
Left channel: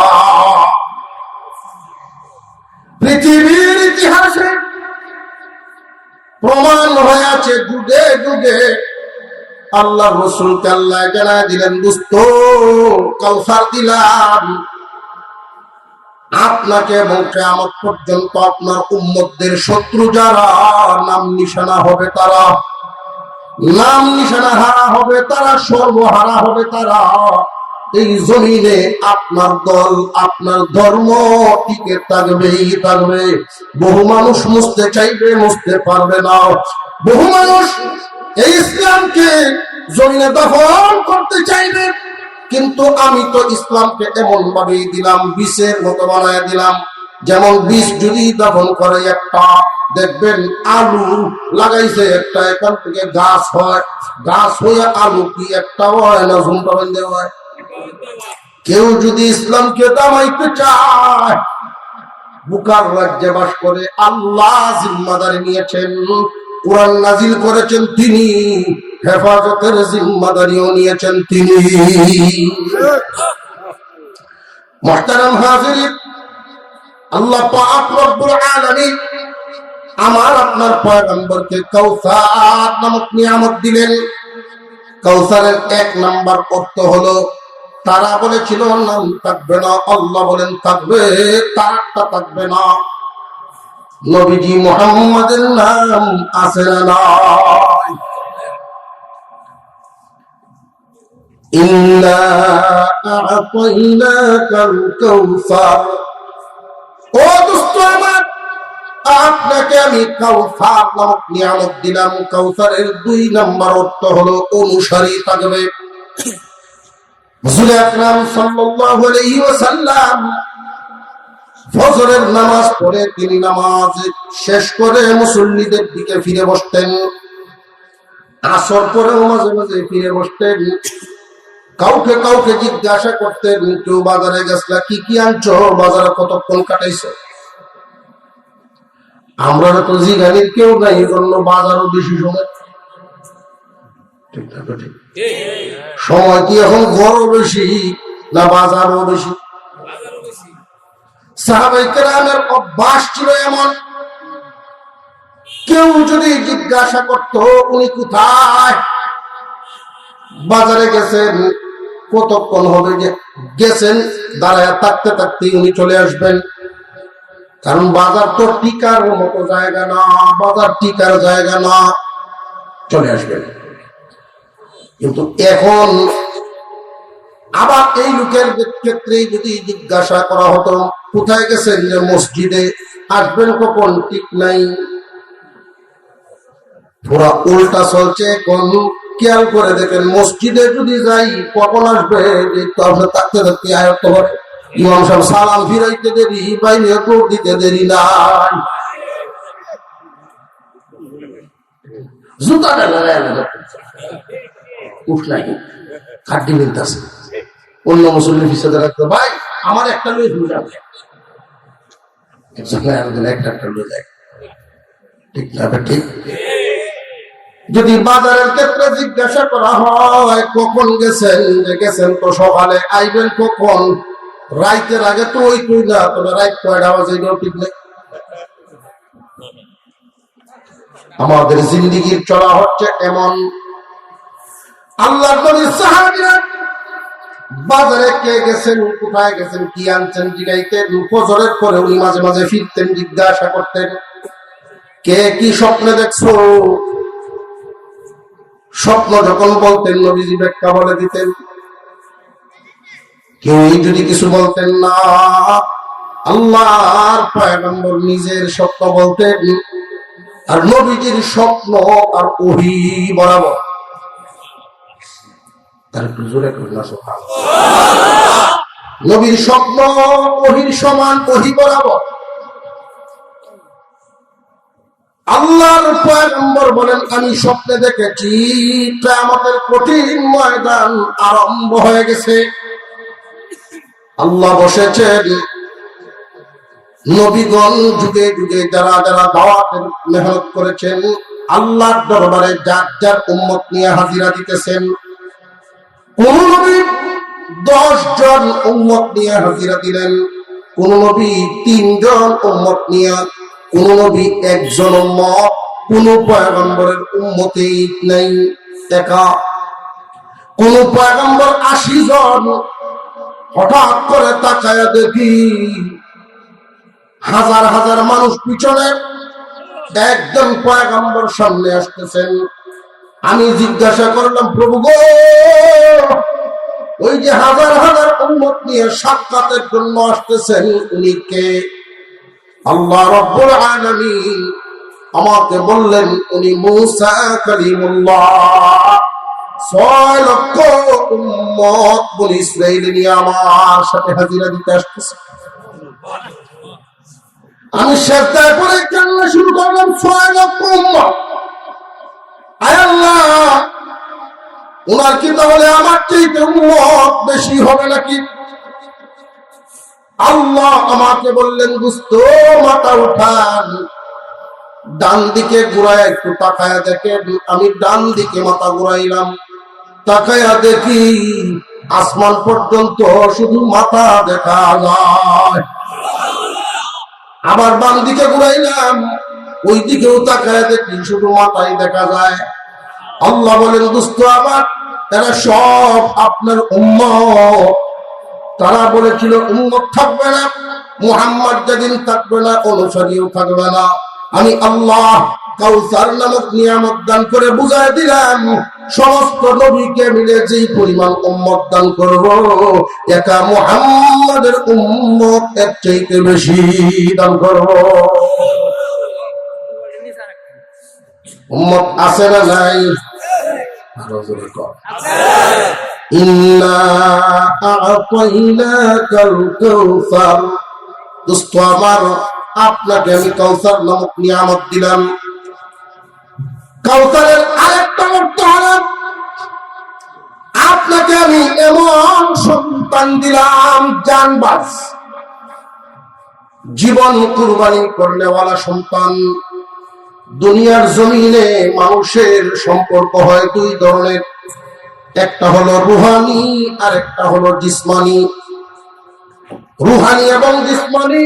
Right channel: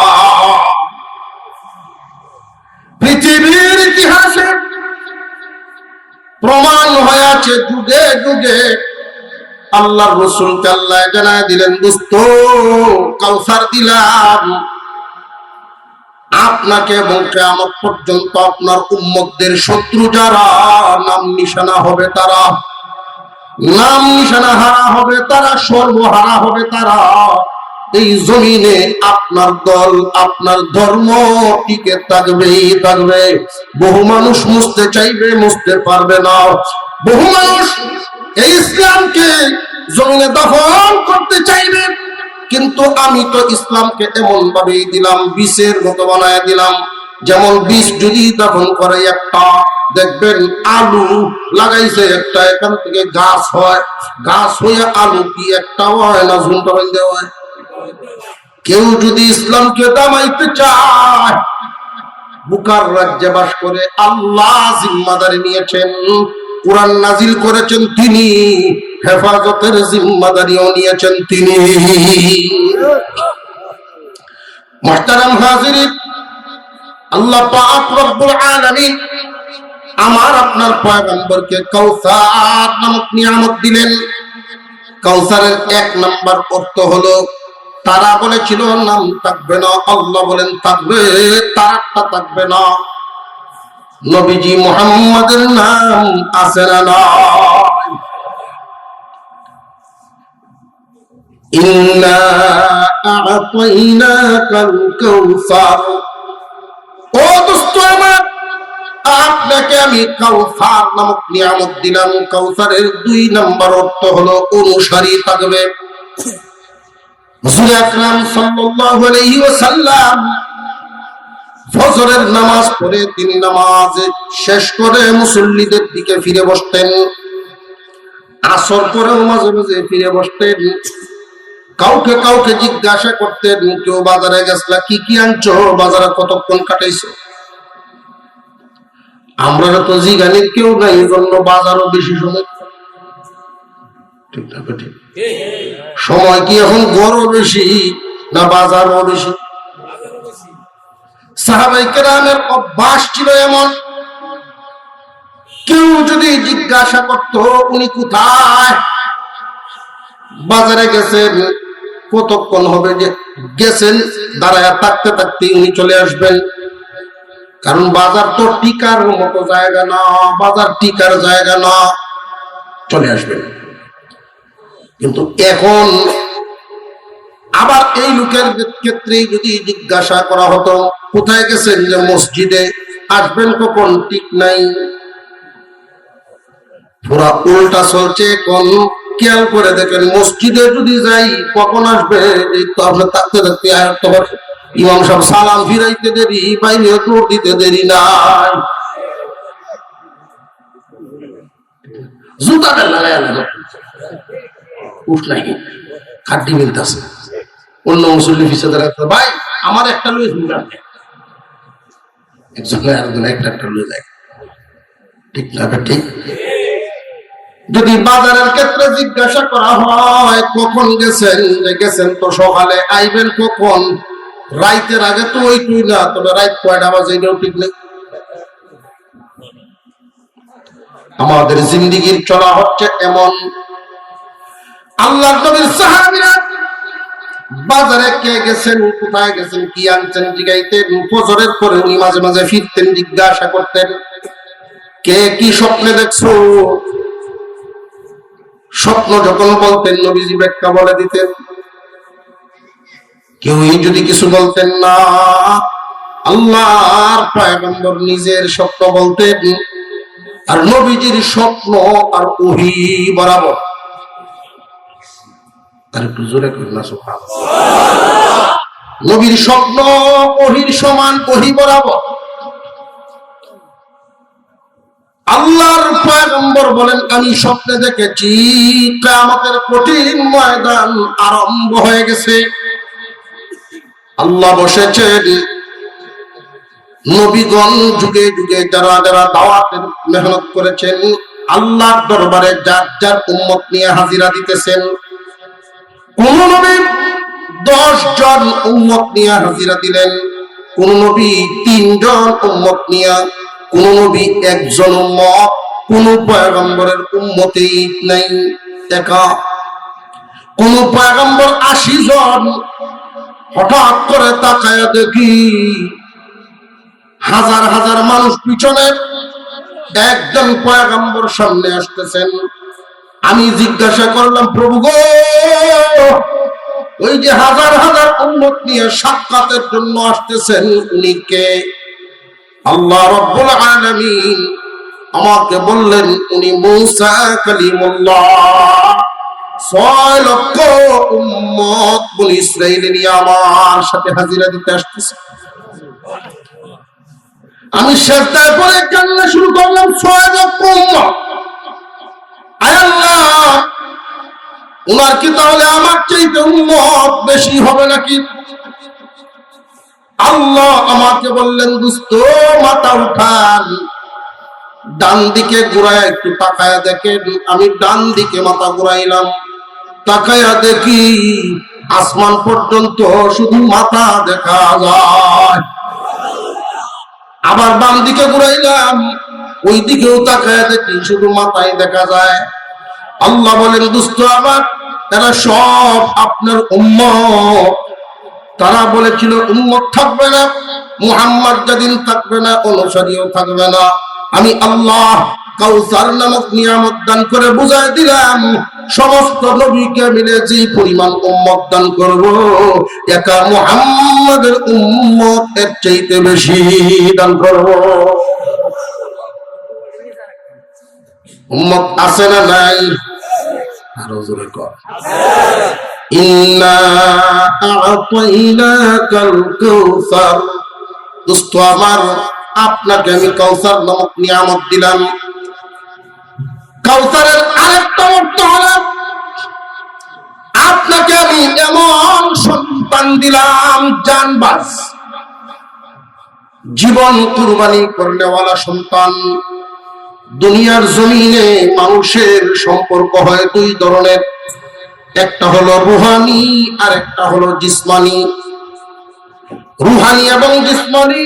পৃথিবীর ইতিহাসে প্রমাণ হয়ে আছে, যুগে যুগে আল্লাহর রাসূলকে আল্লাহ জানায় দিলেন, দোস্ত কাউসার দিলাম আপনাকে এবং কিয়ামত পর্যন্ত আপনার উম্মতদের শত্রু যারা নাম নিশানা হবে, তারা নাম নিশানা হারা হবে, তারা সর্বহারা হবে, তারা এই জমিনে আপনার দল, আপনার ধর্ম টিকে থাকবেই থাকবে। বহু মানুষ মুছতে চাইবে, মুছতে পারবে না। বহু মানুষ এই ইসলামকে জমিনে দফন করতে চাইবে, কিন্তু আমি তো ইসলামকে এমন ভাবেই দিলাম, বীজের মতো বানায় দিলাম। যেমন বীজ যদি দফন করে, একটা দেখবেন আলু লাগাইছে, একটা এখান থেকে গাছ হয়, গাছ হয়ে আলু কি একটা হয় না ঝুমটা বাঁধতে হয়? কেউ যদি ইসলামকে দামাইতে চায়, বুকার রাজ্যে বাস করে, আল্লাহ জিম্মাদারি নিয়েছেন, কোরআন নাজিল করেছেন তিনি, হেফাজতের জিম্মাদারিও নিয়েছেন তিনি। মুহতারাম হাজিরিন, আল্লাহ পাক রব্বুল আলামিন আমার আপনার পয়গম্বরকে কাউসার নামক নিয়ামত দিলেন। কাউসারের 1 নাম্বার অর্থ হলো, তারা বলেছিল নাম থাকবে না, আল্লাহ বলেন থাকবে, তারাটা থাকবে না। নবীজি মুহাম্মাদের নাম আছে না নাই? ইন্না আ'তাইনাকাল কাউসার। ও দোস্ত আমার, আপনাকে আমি কাউসার নামক নিয়ামত দিলাম। কাউসারের 2 নম্বর অর্থ হলো অনুসারী থাকবে। রাসূল আকরাম সাল্লাল্লাহু আলাইহি ওয়াসাল্লাম ফজরের নামাজ পড়ে তিনি নামাজ শেষ করে মুসল্লিদের দিকে ফিরে বসতেন। আসর পরেও মাঝে মাঝে ফিরে বসতেন। কাউকে কাউকে জিজ্ঞাসা করতেন, কেউ বাজারে গেছলা, কি কি আনছো, বাজারে কতক্ষণ কাটাইছো? আমরা তো জিগানির কেউ নাই, এই জন্য বাজারও বেশি সময়। ঠিক না ঠিক? সময় কি এখন গড়ও বেশি না বাজারও বেশি? সাহাবায়ে কেরামের অভ্যাস ছিল এমন, কেউ যদি জিজ্ঞাসা করত উনি কোথায়, বাজারে গেছেন, কতক্ষণ হবে যে গেছেন, দাঁড়ায় থাকতে থাকতে উনি চলে আসবেন। কারণ বাজার তো টিকার মতো জায়গা না, বাজার টিকার জায়গা না, চলে আসবেন। কিন্তু এখন আবার এই লোকের ক্ষেত্রে যদি জিজ্ঞাসা করা হতো কোথায় গেছেন, যে মসজিদে, আসবেন কখন ঠিক নাই। পুরা উল্টা চলছে এখন। খেয়াল করে দেখেন, মসজিদে যদি যাই কখন আসবে, থাকতে থাকতে আয়ত্ত হবে। ইমাম সাহেব সালাম ফিরাইতে দেরি, বাইরে দৌড় দিতে দেরি নাই, জুতাটা লাগায় উঠ নাই, খাড্ডি মিলতেছে। অন্য মুসল্লি পিছিয়ে দাঁড়াতে, ভাই আমার একটা লুই হুন্ডার একজন আরেকজন একটা লুই দেয়। ঠিক না ঠিক? যদি বাজারের ক্ষেত্রে জিজ্ঞাসা করা হয় কখন গেছেন, গেছেন তো সকালে, আইবেন কখন, রাইতের আগে তো ওই তুই না, তবে রাইত কয়টা বাজে এটাও ঠিক নেই। আমাদের জিন্দেগির চলা হচ্ছে এমন। আল্লাহর নবীর সাহাবীরা বাজারে কে গেছেন, কোথায় গেছেন, কি আনছেন জিগাইতেন। ফজরের পরে উনি মাঝে মাঝে ফিরতেন, জিজ্ঞাসা করতেন কে কি স্বপ্নে দেখছো। স্বপ্ন যখন বলতেন নবীজি ব্যাখ্যা বলে দিতেন। কেউই যদি কিছু বলতেন না, আল্লাহর পয়গম্বর নিজের স্বপ্ন বলতেন। আর নবীজির স্বপ্ন আর ওহী বরাবর। আর একটু জোরে কইলা সুবহানাল্লাহ। নবীর স্বপ্ন ওহীর সমান, ওহী বরাবর। আল্লাহর পয়গম্বর বলেন, আমি স্বপ্নে দেখেছি কিয়ামতের কঠিন ময়দান আরম্ভ হয়ে গেছে। আল্লাহ বসেছেন, নবীগণ যুগে যুগে যারা যারা দাওয়াতের মেহনত করেছেন, আল্লাহর দরবারে যার যার উম্মত নিয়ে হাজিরা দিতেছেন। কোন নবী 10 জন উম্মত নিয়ে হাজিরা দিলেন, কোন নবী 3 জন উম্মত নিয়ে, কোন নবী 1 জন উম্মত, কোন পয়গম্বরের উম্মতেই নাই একা। কোন পয়গম্বর 80 জন। হঠাৎ করে তাকায় দেখি হাজার হাজার মানুষ পিছনে, একজন পয়গম্বর সামনে আসতেছেন। আমি জিজ্ঞাসা করলাম, প্রভু গো, ওই যে হাজার হাজার উম্মত নিয়ে সাক্ষাতের জন্য আসতেছেন, উনি কে? আল্লাহ রাব্বুল আলামিন আমাকে বললেন, উনি মূসা কালিমুল্লাহ। 6 লক্ষ উম্মত বনি ইসরাইল নিয়ে আমার সাথে হাজিরা দিতে আসতেছে। আমি সেজদায় পড়ে কান্না শুরু করলাম, 6 লক্ষ উম্মত। আয় আল্লাহ, উনার কি তাহলে আমার চাইতে উম্মত বেশি হবে নাকি? আল্লাহ আমাকে বললেন, দোস্ত মাথা উঠান, ডান দিকে ঘুরায় একটু তাকায়া দেখেন। আমি ডান দিকে মাথা ঘুরাইলাম, তাকায়া দেখি আসমান পর্যন্ত শুধু মাথা দেখা যায়। আবার বাম দিকে ঘুরাইলাম, ওই দিকেও তাকায়া দেখি শুধু মাথায় দেখা যায়। আল্লাহ বলেন, দোস্ত আমার, এরা সব আপনার উম্মত। তারা বলেছিল উম্মত থাকবে না, মুহাম্মদ যেদিন থাকবে না অনুসারীও থাকবে না। আমি আল্লাহ কাউসার নামক নিয়ামত দান করে বুঝাই দিলাম, সমস্ত নবীকে মিলে যে পরিমাণ উম্মত দান করব, একা মুহাম্মাদের উম্মত এর চাইতে বেশি দান করব। উম্মত আছে না নাই? আরো জোরে কর। ইন্না আ'তাইনাকাল কাউসার। দোস্ত আমার, আপনাকে আমি কাউসার নামক নিয়ামত দিলাম। কাউসারের আরেকটা অর্থ হলো আপনাকে আমি এমন সন্তান দিলাম জানবাজ, জীবন কুরবানি করনেওয়ালা সন্তান। দুনিয়ার জমিনে মানুষের সম্পর্ক হয় দুই ধরনের, একটা হলো রুহানি আর একটা হলো জিসমানি। রুহানি এবং জিসমানি,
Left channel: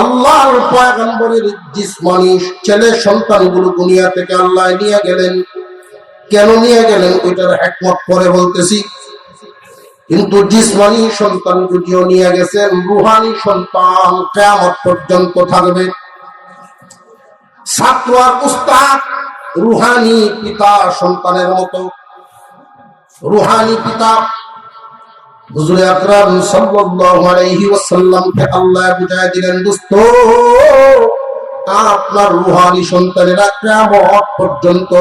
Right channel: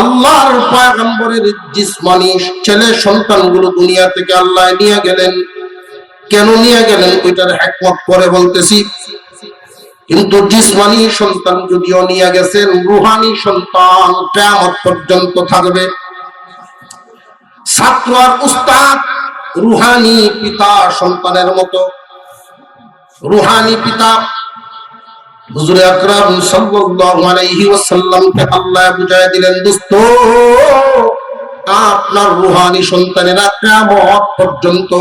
আল্লাহর পয়গম্বরের জিসমানি ছেলে সন্তানগুলো দুনিয়া থেকে আল্লাহ নিয়ে গেলেন। কেন নিয়ে গেলেন এটার হিকমত পরে বলতেছি। কিন্তু জিসমানি সন্তান যদিও নিয়ে গেছেন, রুহানি সন্তান কিয়ামত পর্যন্ত থাকবে। ছাত্র আর উস্তাদ রুহানি পিতা সন্তানের মতো। রুহানি পিতা হুজুর আকরাম সাল্লাল্লাহু আলাইহি ওয়াসাল্লামকে আল্লাহ বুঝায় দিলেন, দোস্ত আপনার রুহানি সন্তানেরা কিয়ামত পর্যন্ত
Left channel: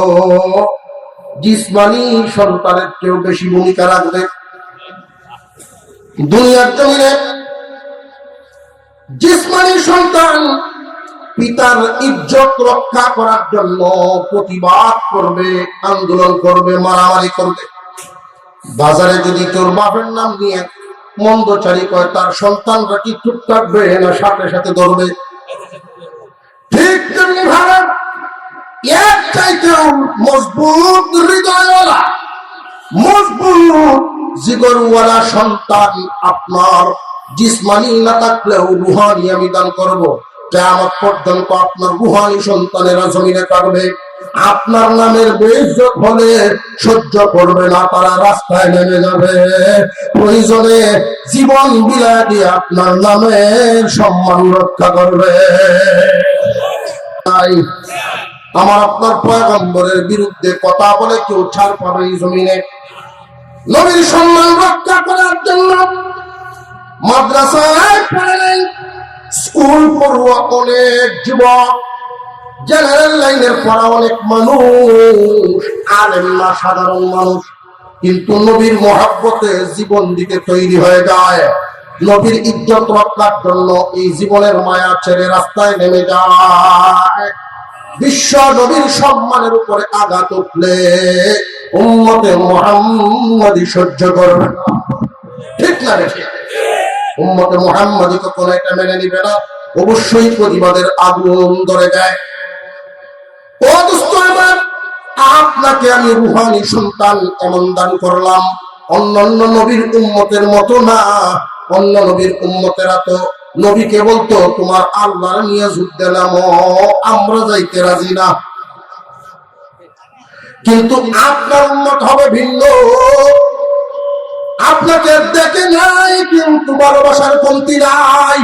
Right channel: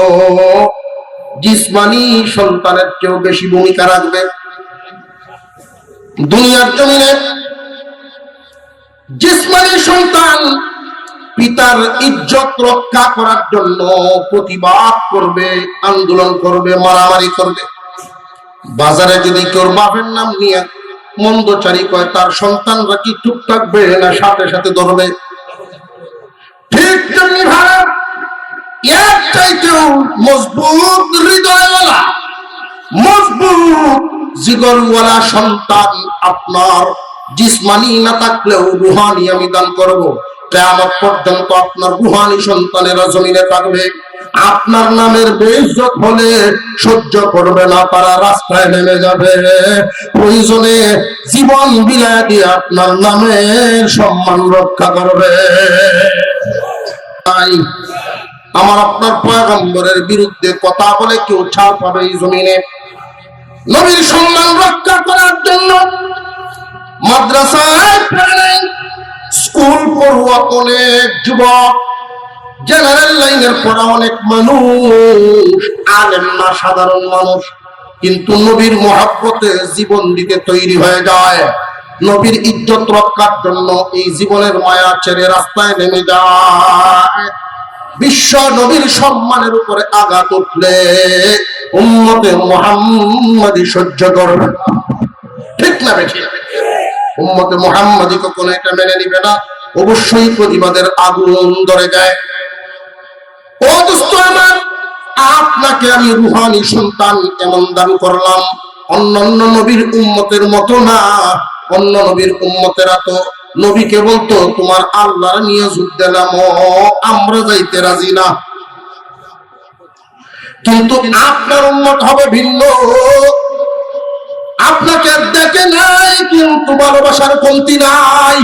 জিসমানি সন্তানের চেয়েও বেশি ভূমিকা রাখবে। দুনিয়ার জমিনে জিসমানি সন্তান পিতার ইজ্জত রক্ষা করার জন্য প্রতিবাদ করবে, আন্দোলন করবে, মারামারি করবে। বাজারে যদি কেউ বাপের নাম নিয়ে মন্দচারী কয়, তার সন্তানরা কি চুপ থাকবে না সাথে সাথে ধরবে? ঠিক তেমনি ভাবে এর চাইতেও মজবুত হৃদয়ওয়ালা, মজবুত জিগরওয়ালা সন্তান আপনার জিসমানি না থাকলেও রুহানি আমি দান করবো। কিয়ামত পর্যন্ত আপনার রুহানি সন্তানেরা জমিনে থাকবে। আপনার নামের বেইজ্জত হলে সহ্য করবে না, তারা রাস্তায় নেমে যাবে। প্রয়োজনে জীবন বিলায় দিয়ে আপনার নামের সম্মান রক্ষা করবে। তাই আমার আপনার পয়গম্বরের বিরুদ্ধে কথা বলে কেউ ছাড় পাবে এই জমিনে? নবীর সম্মান রক্ষা করার জন্য মাদ্রাসায় পড়েন, স্কুল পড়ুয়া অনেক যুবক, জেনারেল লাইনের পড়া অনেক মানুষ, আলেম না সাধারণ মানুষ, কিন্তু নবীর মহব্বতে জীবন দিতে তৈরি হয়ে যায়। নবীর ইজ্জত রক্ষার জন্য এই জীবনের মায়া ছেড়ে রাস্তায় নেমে যায়। বিশ্ব নবীর সম্মানের উপরে আঘাত উঠলে উম্মতে মুহাম্মাদি সহ্য করবে না। ঠিক না বেঠিক? উম্মতে মুহাম্মাদি কখনো এটা মেনে নিবে না, অবশ্যই প্রতিবাদের আগুন ধরে যায়। ও দোস্ত আমার, আপনাকে আমি রুহানি সন্তান এমন দান করলাম, অন্যান্য নবীর উম্মতের মতো না। অন্য নবীর উম্মতেরা তো নবীকে বলতো, তোমার আল্লাহর নিয়ে যুদ্ধে নামো, আমরা যাইতে রাজি না। কিন্তু আপনার উম্মত হবে ভিন্ন। আপনাকে দেখে নাই, কিন্তু ভালোবাসার কমতি নাই,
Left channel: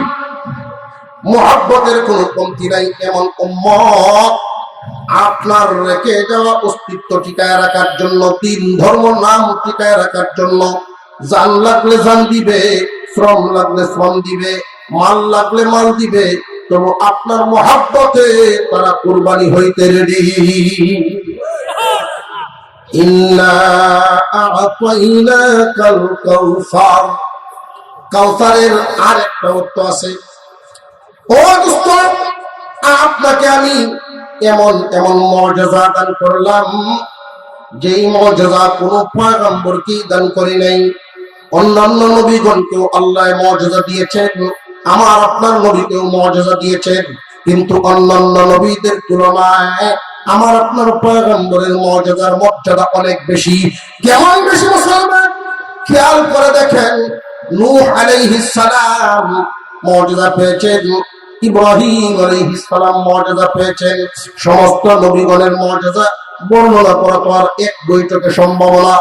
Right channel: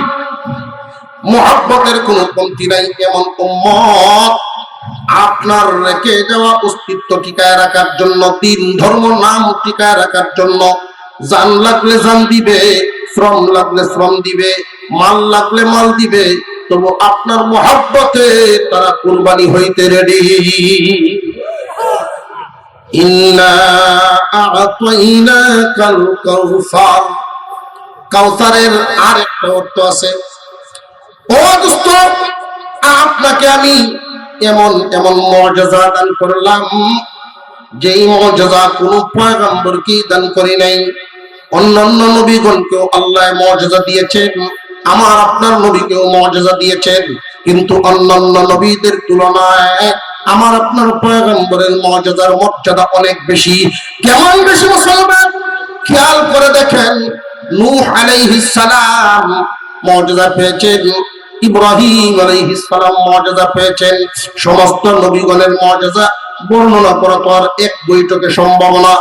মুহাব্বতের কোনো কমতি নাই। এমন উম্মত আপনার রেখে যাওয়া অস্তিত্ব টিকায় রাখার জন্য, তিন ধর্ম নাম টিকায় রাখার জন্য জান লাগলে জান দিবে, শ্রম লাগলে শ্রম দিবে, মাল লাগলে মাল দিবে, তবু আপনার মুহাব্বতে তারা কুরবানি হইতে রেডি। ইন্না আ'তাইনাকাল কাউসার। কাউসারের আরেকটা অর্থ আছে। ও দোস্ত, আপনাকে আমি এমন এমন মুআজিজা দান করলাম, যেই মুআজিজা কোন পয়গম্বরকে দান করি নাই। অন্যান্য নবীগণকেও আল্লাহ মুআজিজা দিয়েছেন, আমার আপনার নবীকেও মুআজিজা দিয়েছেন, কিন্তু অন্যান্য নবীদের তুলনায় আমার আপনার পয়গম্বরের মুআজিজার মর্যাদা অনেক বেশি। কেমন বেশি মুসলমান? খেয়াল করে দেখেন, নূহ আলাইহিস সালাম মুআজিজা পেয়েছেন, ইব্রাহিম আলাইহিস সালাম মুআজিজা পেয়েছেন। সমস্ত নবীগণের মুআজিজা বর্ণনা করা তো আর এক বৈঠকে সম্ভব না।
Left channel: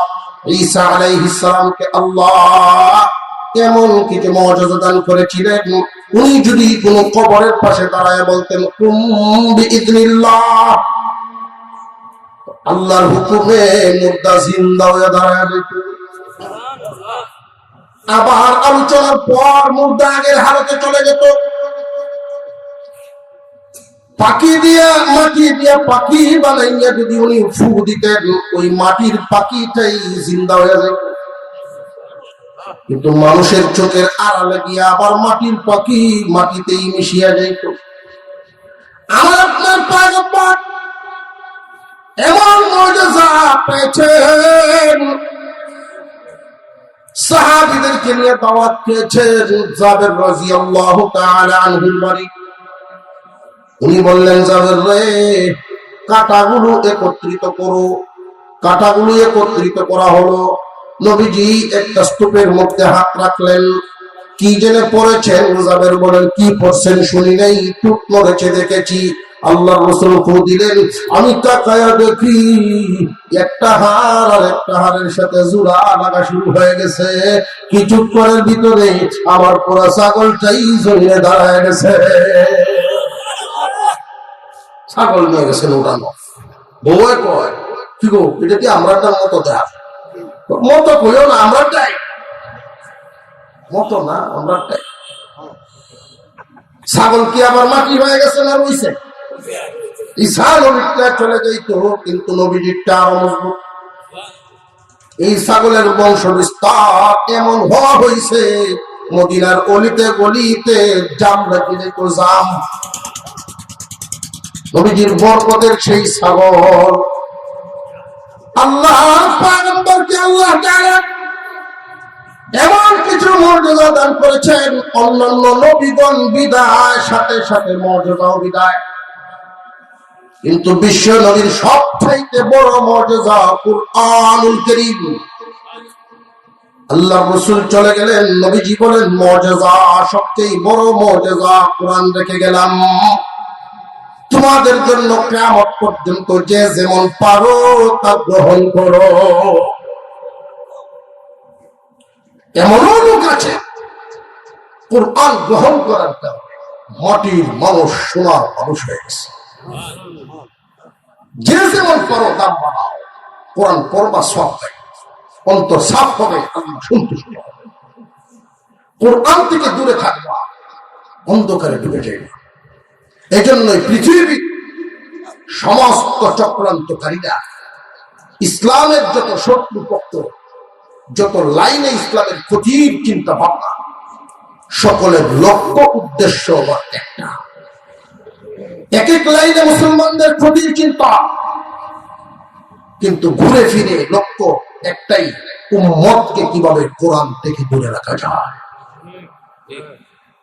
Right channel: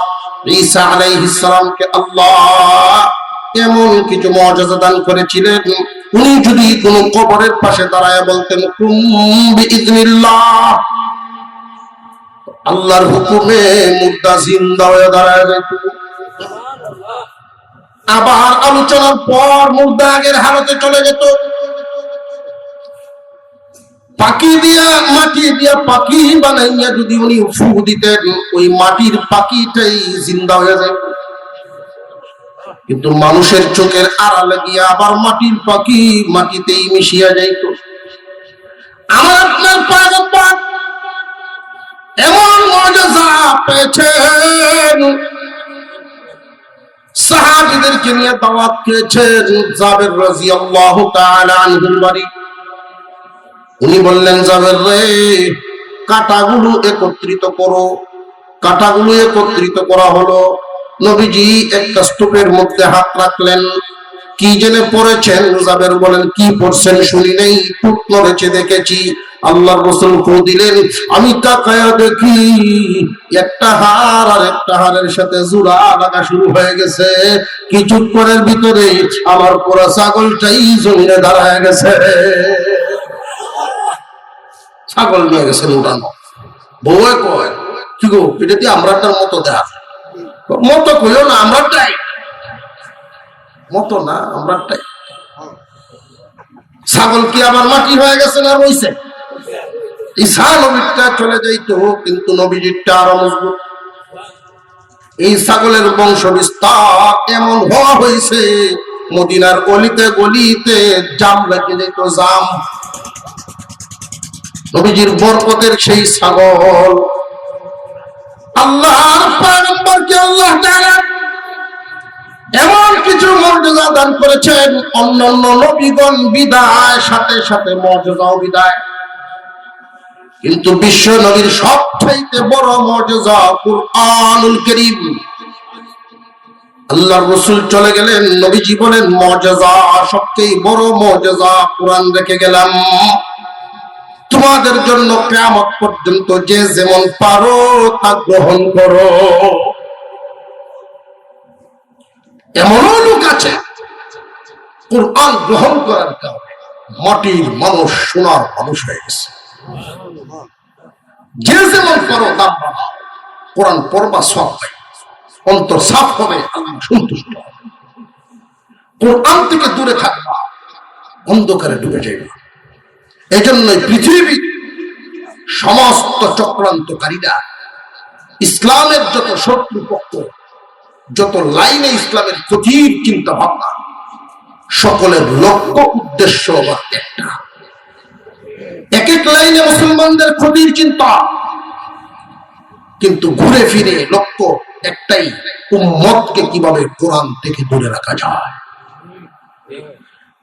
ঈসা আলাইহিস সালামকে আল্লাহ এমন কিছু মুআজিজা দান করেছিলেন, উনি যদি কোন কবরের পাশে দাঁড়ায় বলতেন কুম বিইذনিল্লাহ, আল্লাহর হুকুমে মুর্দা জিন্দা হয়ে দাঁড়ায় যেত। আবার আলোচনার পর মুর্দা আগের হালতে চলে যেত। পাখি দিয়া মাটি দিয়া পাখি বানাইয়া যদি উনি ফু দিতেন, ওই মাটির পাখিটাই জিন্দা হয়ে যেত। কিন্তু মানুষের চোখের আড়ালে গিয়া আবার মাটির পাখি মাটিতেই মিশিয়া যাইত। আমার আপনার পাগল এমন মুজিজা পেয়েছেন, সাহাবীদেরকে নিয়ে দাওয়াত পেয়েছেন জাবের রাদিয়াল্লাহু তাআলা আনহুর বাড়ি। উনি বললেন, জাবের রে, কাঁটাগুলো একত্রিত করো। কাঁটাগুলো একত্রিত করা হলো। নবীজি একটা স্তূপের মধ্যে হাত রাখলেন, কি জেনে পড়েছেন? জাবের বলেন, কি পড়ছেন শুনি নাই, টুট নড়েছে দেখেছি। আল্লাহর রাসূল ফু দিলেন, আমি তাকায়া দেখি একটা হাড় আর একটা হাড়ের সাথে জোড়া লাগা শুরু হয়ে গেছে। কিছুক্ষণের ভিতরে আমার পুরো ছাগলটাই জমিনে দাঁড়ায় গেছে। ছাগল নিয়ে গেছে উঠানো। বউয়ে কয়, কি গো, এটা কি আমরাটার মতো দেখা? মতো কইও না, আমরাটাই মতো না, আমরাটাই। ছাগল কি আবার মাটি হয়ে গেছে না রইছে? ঈসা নবীটা চলে যাইতো, কিন্তু নবীজিরটা আরো মজবুত। এই ছাগলের বংশ বিস্তার এমন হওয়া হয়েছে, মদিনার অলিতে গলিতে জাম লেগে যেত, জাম। নবীজির বরকতের সেই ছাগল। আল্লাহর পয়গম্বরকে আল্লাহ তাআলা এমন কিছু মুজিজা দান করেছেন, অন্যান্য নবীগণ বিদায় সাথে সাথে মুজিজাও বিদায়। কিন্তু বিশ্ব নবীর সবচাইতে বড় মুজিজা কুরআনুল কারীম। আল্লাহর রাসূল চলে গেলেন, নবীজি বলেন, মুজিজা সবচেয়ে বড় মুজিজা কুরআন রেখে গেলাম তোমাদের জন্য কিয়ামত পর্যন্ত, যে যেমন পারো তা গ্রহণ করো। এমন লোক আছে কুরআন গ্রহণ করার কারণে মাটির মানুষ সোনার মানুষ হয়ে গেছে। যে যেমন পারো দাম বাড়াও, কোরআন পড়বা সওয়াব পাই, অন্তর সাফ হবে, আল্লাহ সন্তুষ্ট হবে। কোরআন থেকে দূরে থাকবা, অন্ধকারে ডুবে যাইবা। এই জন্যই পৃথিবীর সমস্ত চক্রান্তকারীরা, ইসলামের যত শত্রুপক্ষ, যত লাইনে ইসলামের ক্ষতির চিন্তা ভাবনা, সকলের লক্ষ্য উদ্দেশ্য একটা। এক এক লাইনে মুসলমানদের ক্ষতির চিন্তা, কিন্তু ঘুরে ফিরে লক্ষ্য একটাই, উম্মতকে কিভাবে কোরআন থেকে দূরে রাখা যায়।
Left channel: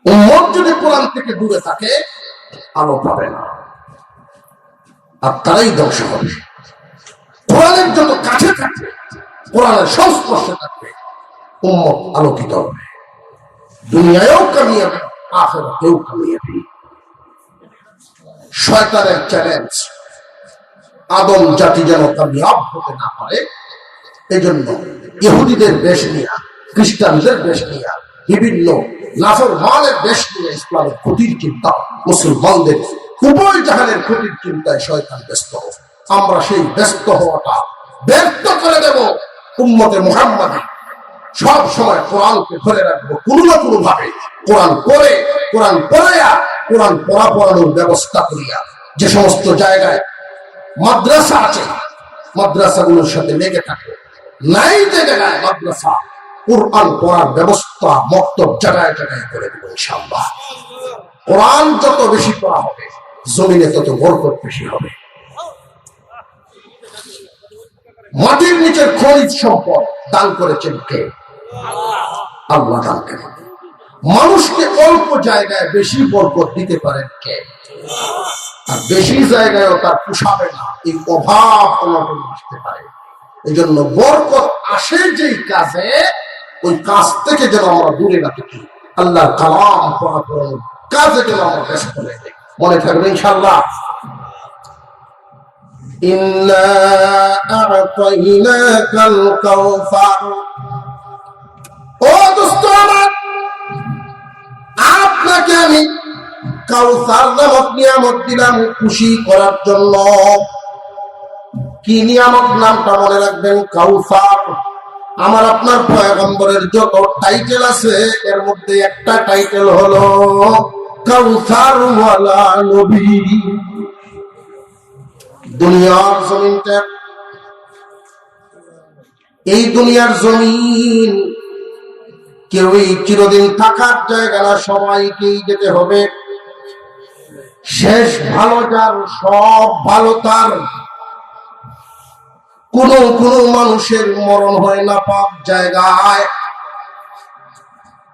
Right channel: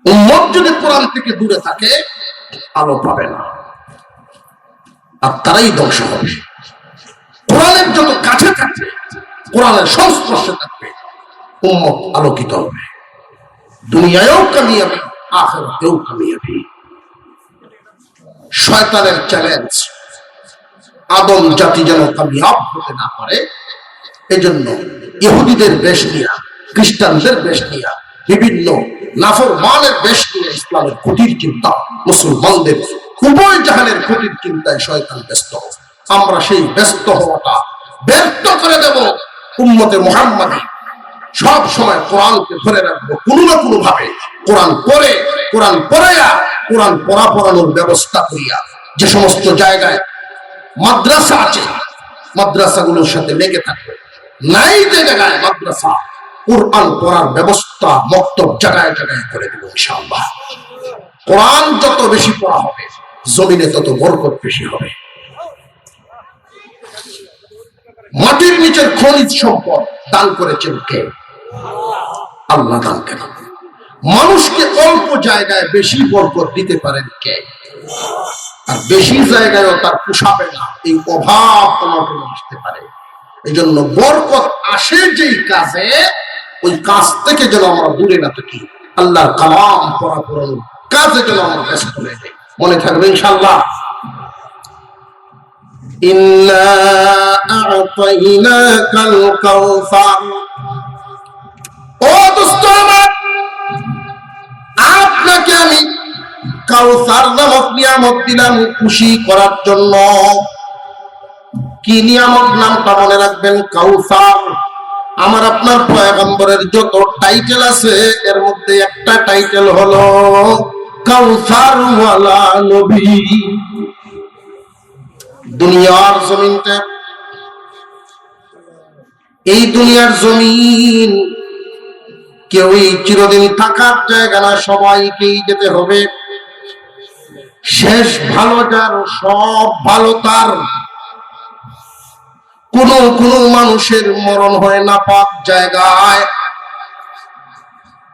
উম্মত যদি কোরআন থেকে দূরে থাকে, আলো পাবে না, আর তারাই ধ্বংস হবে। কোরআনের যত কাছে থাকবে, কোরআনের সংস্পর্শে থাকবে, উম্মত আলোকিত হবে, দুনিয়ায়ও কামিয়াবি, আখিরাতেও কামিয়াবি। শয়তানের চ্যালেঞ্জ, আদম জাতি যেন কামিয়াব হতে না পারে, এজন্য ইহুদিদের বেশ নিয়া, খ্রিস্টানদের বেশ নিয়া, বিভিন্ন নাফরমানের বেশ নিয়ে ইসলামের ক্ষতির চিন্তা, মুসলমানদের উভয় জাহানের ক্ষতির চিন্তায় শয়তান ব্যস্ত। আমরা সেই ব্যস্ত হওয়াটা ব্যর্থ করে দেব। উম্মতে মুহাম্মাদী সব সময় কোরআনকে ধরে রাখবো, কোনো না কোনো ভাবে কোরআন পড়ে, কোরআন পড়াইয়া, কোরআন পড়ানোর ব্যবস্থা করিয়া। যে সমস্ত জায়গায় মাদ্রাসা আছে, মাদ্রাসাগুলোর সাথে লেগে থাকবে। নাই যে জায়গায় মাদ্রাসা, কোরআন পড়ার ব্যবস্থা মক্তব জায়গায় জায়গায় করে দেব ইনশাআল্লাহ। কোরআন যত বেশি পড়া হবে, জমিনে তত বরকত বেশি হবে। মাটির নিচের খনিজ সম্পদ দান করেছেন কে? আল্লাহ দান করেন। মানুষকে অল্প জায়গায় বেশি বরকত দিতে পারেন কে? আর বেশি জায়গায়ও তার পোষাবে না, এই অভাব অনটন আসতে পারে। এই জন্য বরকত আসে যেই কাজে, ওই কাজ থেকে যেন আমরা দূরে না থাকি। আল্লাহর কালাম পড়া পড়ানোর কাজে যেন আমরা ব্যস্ত হয়ে যাই। মনে থাকবে ইনশাআল্লাহ। ইন্না আ'তাইনাকাল কাউসার। ও দোস্ত আমার, আপনাকে আপনাকে আমি কাউসার নামক নিয়ামত দিলাম খুশি করার জন্য। কি নিয়ামত? নামটা মনে রাখবেন, কাউসার। আমার আপনার পয়গম্বরের যত টাইটেল আছে এর মধ্যে একটা টাইটেল হলো কাউসার ওয়ালা নবী। দুনিয়ার জমিনটা, এই দুনিয়ার জমিন কেউই চিরদিন থাকার জায়গা না, সবাইকেই যেতে হবে। শেষ ভালো যার, সব ভালো তার। কোন কোন মানুষের মরণ হয় না পাপ জায়গায়,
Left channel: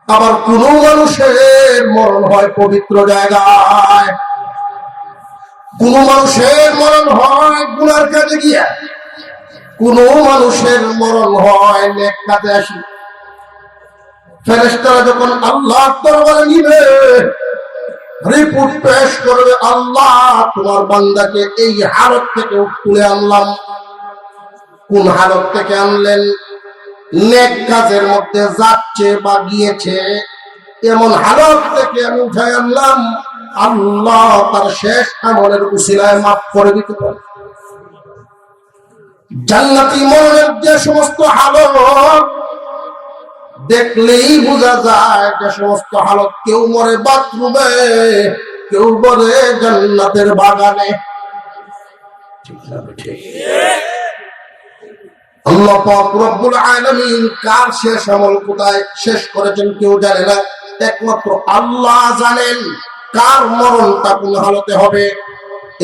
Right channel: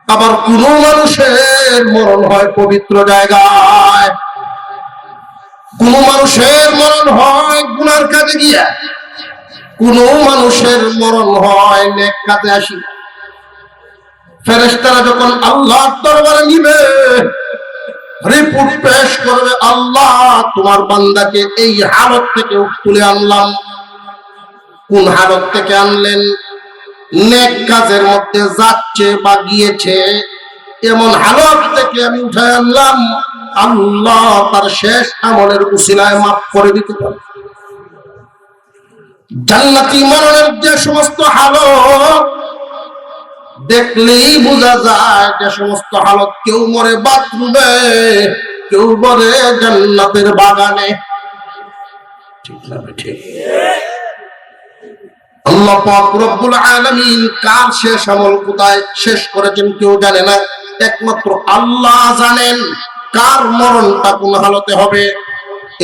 আবার কোন মানুষের মরণ হয় পবিত্র জায়গায়। কোন মানুষের মরণ হয় গুনার কাজে গিয়া, কোন মানুষের মরণ হয় নেক কাজে আসি। ফেরেশতারা যখন আল্লাহর দরবারে নিবে, রিপোর্ট পেশ করবে, আল্লাহ তোমার বান্দাকে এই হালত থেকে তুলে আনলাম। কোন হালত থেকে আনলেন? নেক কাজের মধ্যে যাচ্ছে বা গিয়েছে এমন হালত থেকে আমি উঠে আনলাম। আল্লাহ তার শেষ আমলের উসিলায় মাফ করে দিতে পারে। জান্নাতি মরণের যে সমস্ত হালত দেখলেই বোঝা যায়, যে সমস্ত হালত, কেউ মরে বাথরুমে, কেউ মরে জান্নাতের বাগানে। ঠিক না? ঠিক। আল্লাহ পাক রব্বুল আলামিন কার শেষ আমল কোথায় শেষ করেছেন কেউ জানে না, একমাত্র আল্লাহ জানেন কার মরণটা কোন হালতে হবে।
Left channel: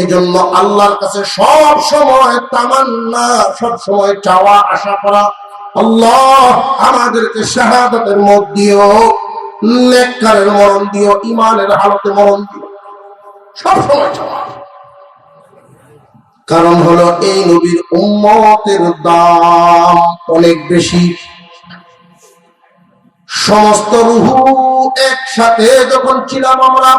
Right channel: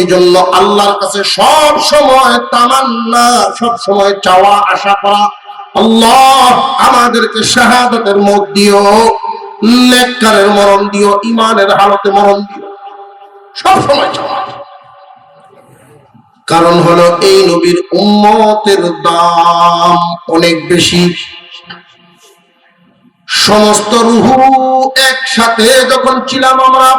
এজন্য আল্লাহর কাছে সব সময় তামান্না, সব সময় চাওয়া, আশা করা, আল্লাহ আমাদেরকে শাহাদাতের মত দিও, নেককারের মরণ দিও, ঈমানের হালতে মরণ দিও, সব সময় চাওয়া। কারণ হলো এই নবীর উম্মতের দাম অনেক বেশি। সমস্ত রূহ একসাথে যখন ছিলাম আমরা,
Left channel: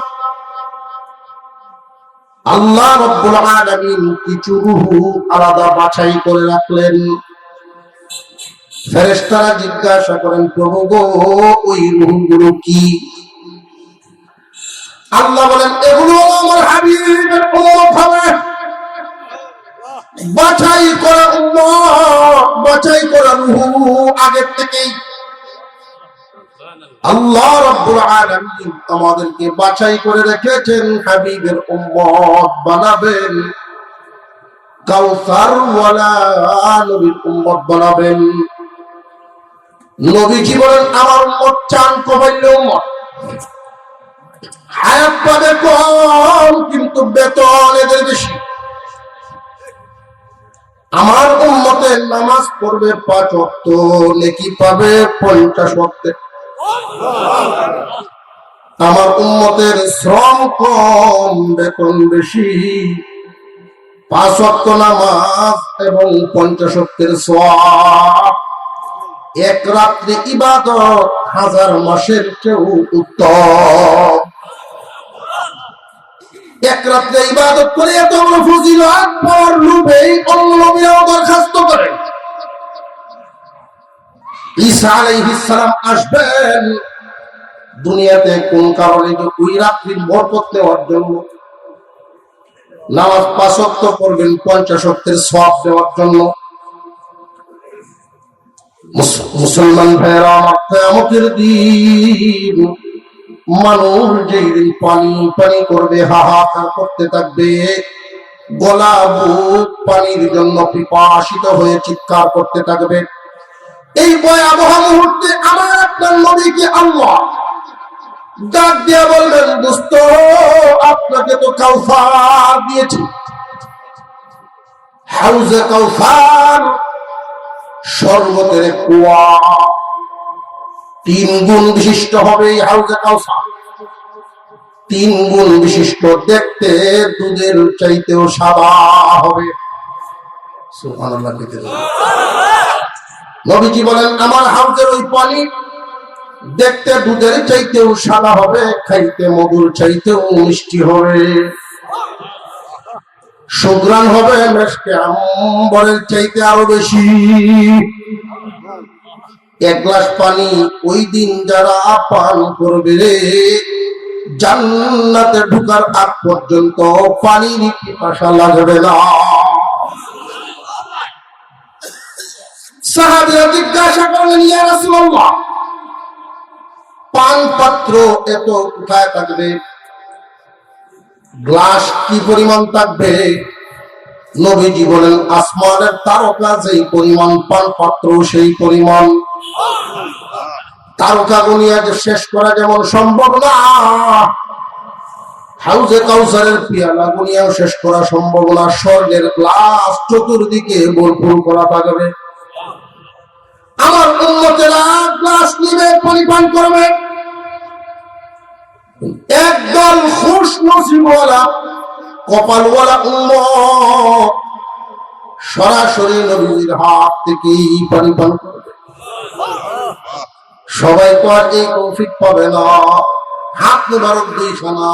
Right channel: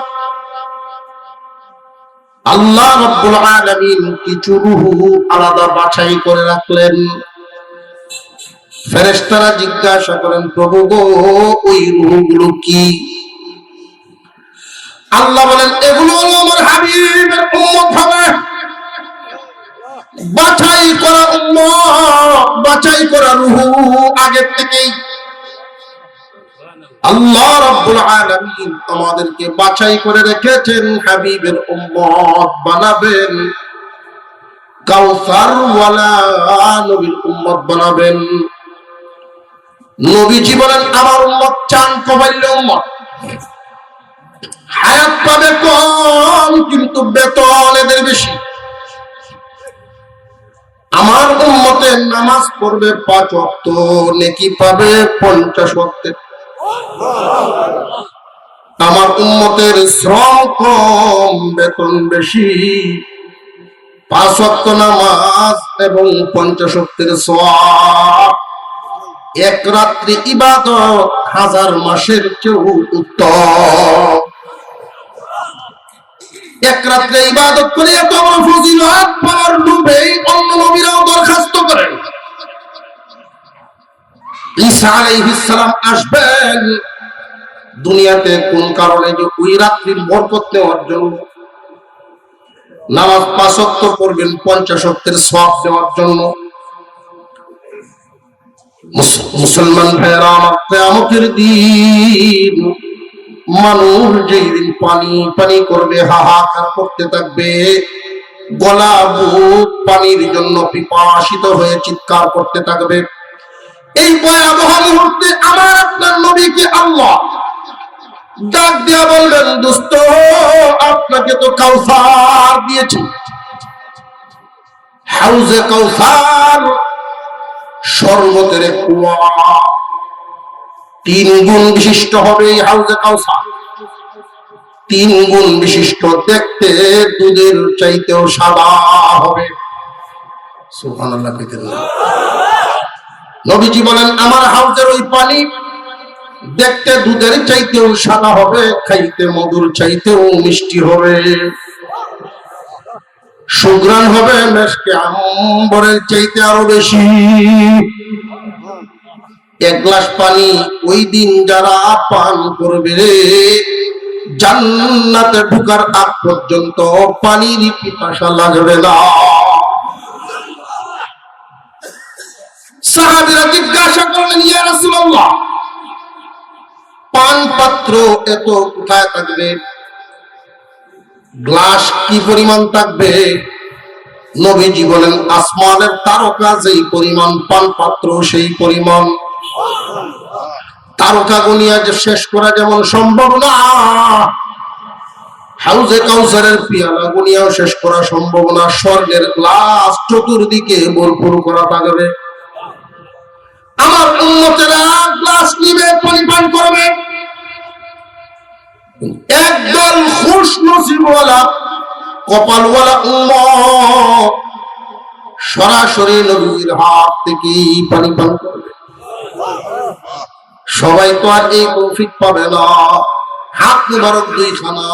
আল্লাহ রাব্বুল আলামিন কিছু রূহ আলাদা বাছাই করে রাখলেন। ফেরেশতারা জিজ্ঞাসা করেন, প্রভু গো, ওই রূহগুলো কি? আল্লাহ বলেন, এগুলো হলো আমার হাবিবের উম্মত হবে, বাছাই করা উম্মত, বাছাই করা রূহ আগে থেকেই। আল্লাহ রাব্বুল আলামিন আমাদেরকে বাছাই করে রেখেছেন, হাবিবের উম্মত বানাবেন, কাউসার ওয়ালা নবীর উম্মত বানাবেন। নবীজি বলেন, আমার উম্মত চান কমাইল উম্মত, হায়াত পাবে কম কিন্তু বেতন এদের বেশি। আমার উম্মতের নামাজ পড়বে 5 ওয়াক্ত, নেকি পাবে 50 ওয়াক্তের। আমার উম্মতের শ্রম কম, বেতন বেশি। 5 ওয়াক্ত নামাজ এবং 50 ওয়াক্তের সওয়াব, এক রাত্রি ইবাদত 1000 মাসের চেয়েও উত্তম। এক রাত্রে ইবাদত করে এত বড় ফজিলত পাওয়ার লোভে অন্য নবীরাও দরখাস্ত করেন। ঈসা আলাইহিস সালাম আসবেন দুনিয়াতে কোন কারণে? যে ওই রাত্রির বরকত নেওয়ার জন্য। নামাজ 5 ওয়াক্ত পড়বেন 50 ওয়াক্তের সওয়াব দেওয়ার জন্য। মুসলমান ভাইরা আমার, কিয়ামতের দিন মানুষ যেদিন পানি পানি করবে, হাহাকার করতে থাকবে, গলা বুক পানির জন্য পিপাসিত হয়ে চিৎকার করতে থাকবে। এই ভয়াবহ মুহূর্তে আমার আপনার নবীকে আল্লাহ ডাক দিয়া বলবেন, দোস্ত, আপনাকে তো কাউসার দিয়েছি, হাউজে কাউসার, শরবতের কুয়া, 3 গুণ বিশিষ্ট হবে এই হাউজে কাউসার। 3 গুণ বিশিষ্ট, দেখতে দুধের চাইতেও সাদা হবে। সুবহানাল্লাহ। নবীজি বলেন, আমার হাউজের ওই পানি দেখতে দুধের চাইতেও সাদা হবে, খাইতে মধুর চাইতেও মিষ্টি হবে, সুঘ্রাণ হবে মেশকে আম্বরের চাইতে আরো বেশি। 1 গ্লাস পানি ওই দিন যারা পান করবে, জান্নাতে ঢোকার আগ পর্যন্ত পানির পিপাসা লাগবে না। সাহাবীরা জিজ্ঞাসা করলেন, ইয়া রাসূলুল্লাহ, পান পাত্র এত কোথায় থাকবে, গ্লাস কি পরিমাণ থাকবে? নবীজি বলেন, আসমানের তারকা যেই পরিমাণ, পান পাত্র সেই পরিমাণ। তারকা গুনিয়া যে শেষ করা যেমন সম্ভব না, হাউজে কাউসারের পিয়ালা গুনিয়াও শেষ করা সম্ভব না। স্বর্গের গ্লাস চতুর্দিকে ভরপুর করা থাকবে। আমার উম্মতেরা গ্লাস নিবে, পরিপান করবে। একদল খুশ নসিবওয়ালা কপালওয়ালা উম্মত সরাসরি নবীর হাত থেকে পানি পান করবে। সবাই তো আর এই তৌফিক পাবে না। হাত মুবারক দুইখানা।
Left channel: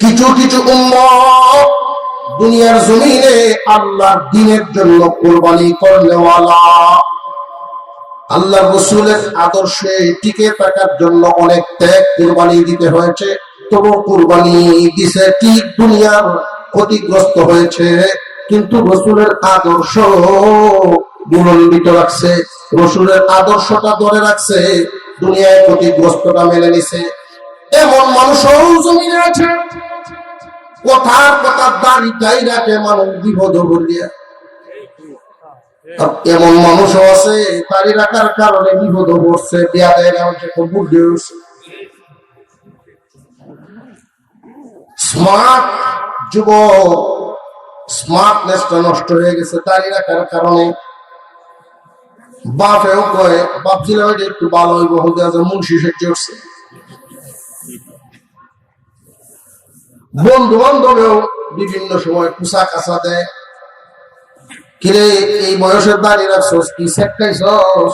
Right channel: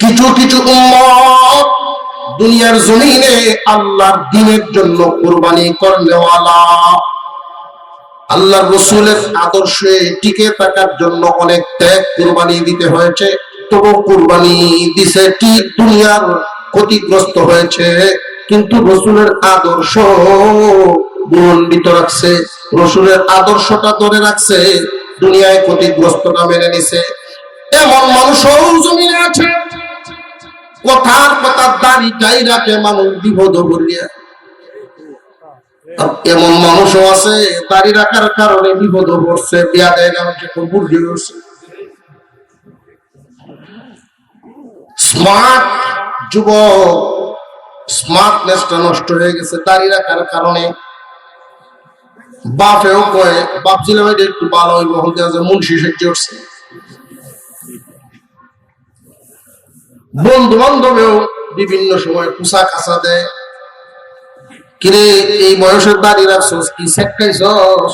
কিছু কিছু উম্মত দুনিয়ার জমিনে আল্লাহর দ্বীনের জন্য কুরবানি করনেওয়ালা, আল্লাহ রাসূলের আদর্শে টিকে থাকার জন্য অনেক ত্যাগ কুরবানি দিতে হয়েছে। তবু কুরবানি দিছে ঠিক, দুনিয়ার ক্ষতিগ্রস্ত হয়েছে, কিন্তু রাসূলের আদর্শ বুলন্দিত রাখছে, রাসূলের আদর্শটা ধরে রাখছে, দুনিয়ায় ক্ষতিগ্রস্তটা মেনে নিছে। এমন মানুষও জমিনে আছে, কথার কথা দাড়িটাই রাখে মানুষ বিপদ করিয়া। এমন মানুষও আছে দাড়ি রাখার কারণে বিপদ পড়ছে, বিয়া দেয় না, বুদ্ধি হচ্ছে। স্মার্ট যুবক, স্মার্টনেসটা নষ্ট হয়ে গেছে দাড়ি রাখার কারণে। বাপেও কয়, ভাবছিলাম এটা একটু ভালো হইব, হতে আছে মুন্সি সেজে উঠছে। বন্ধু বান্ধবেও বিভিন্ন সময় কুসা কাসা দেয়, কিরে এই বয়সের দাড়ি রাখছস, কি সেটকাইছস?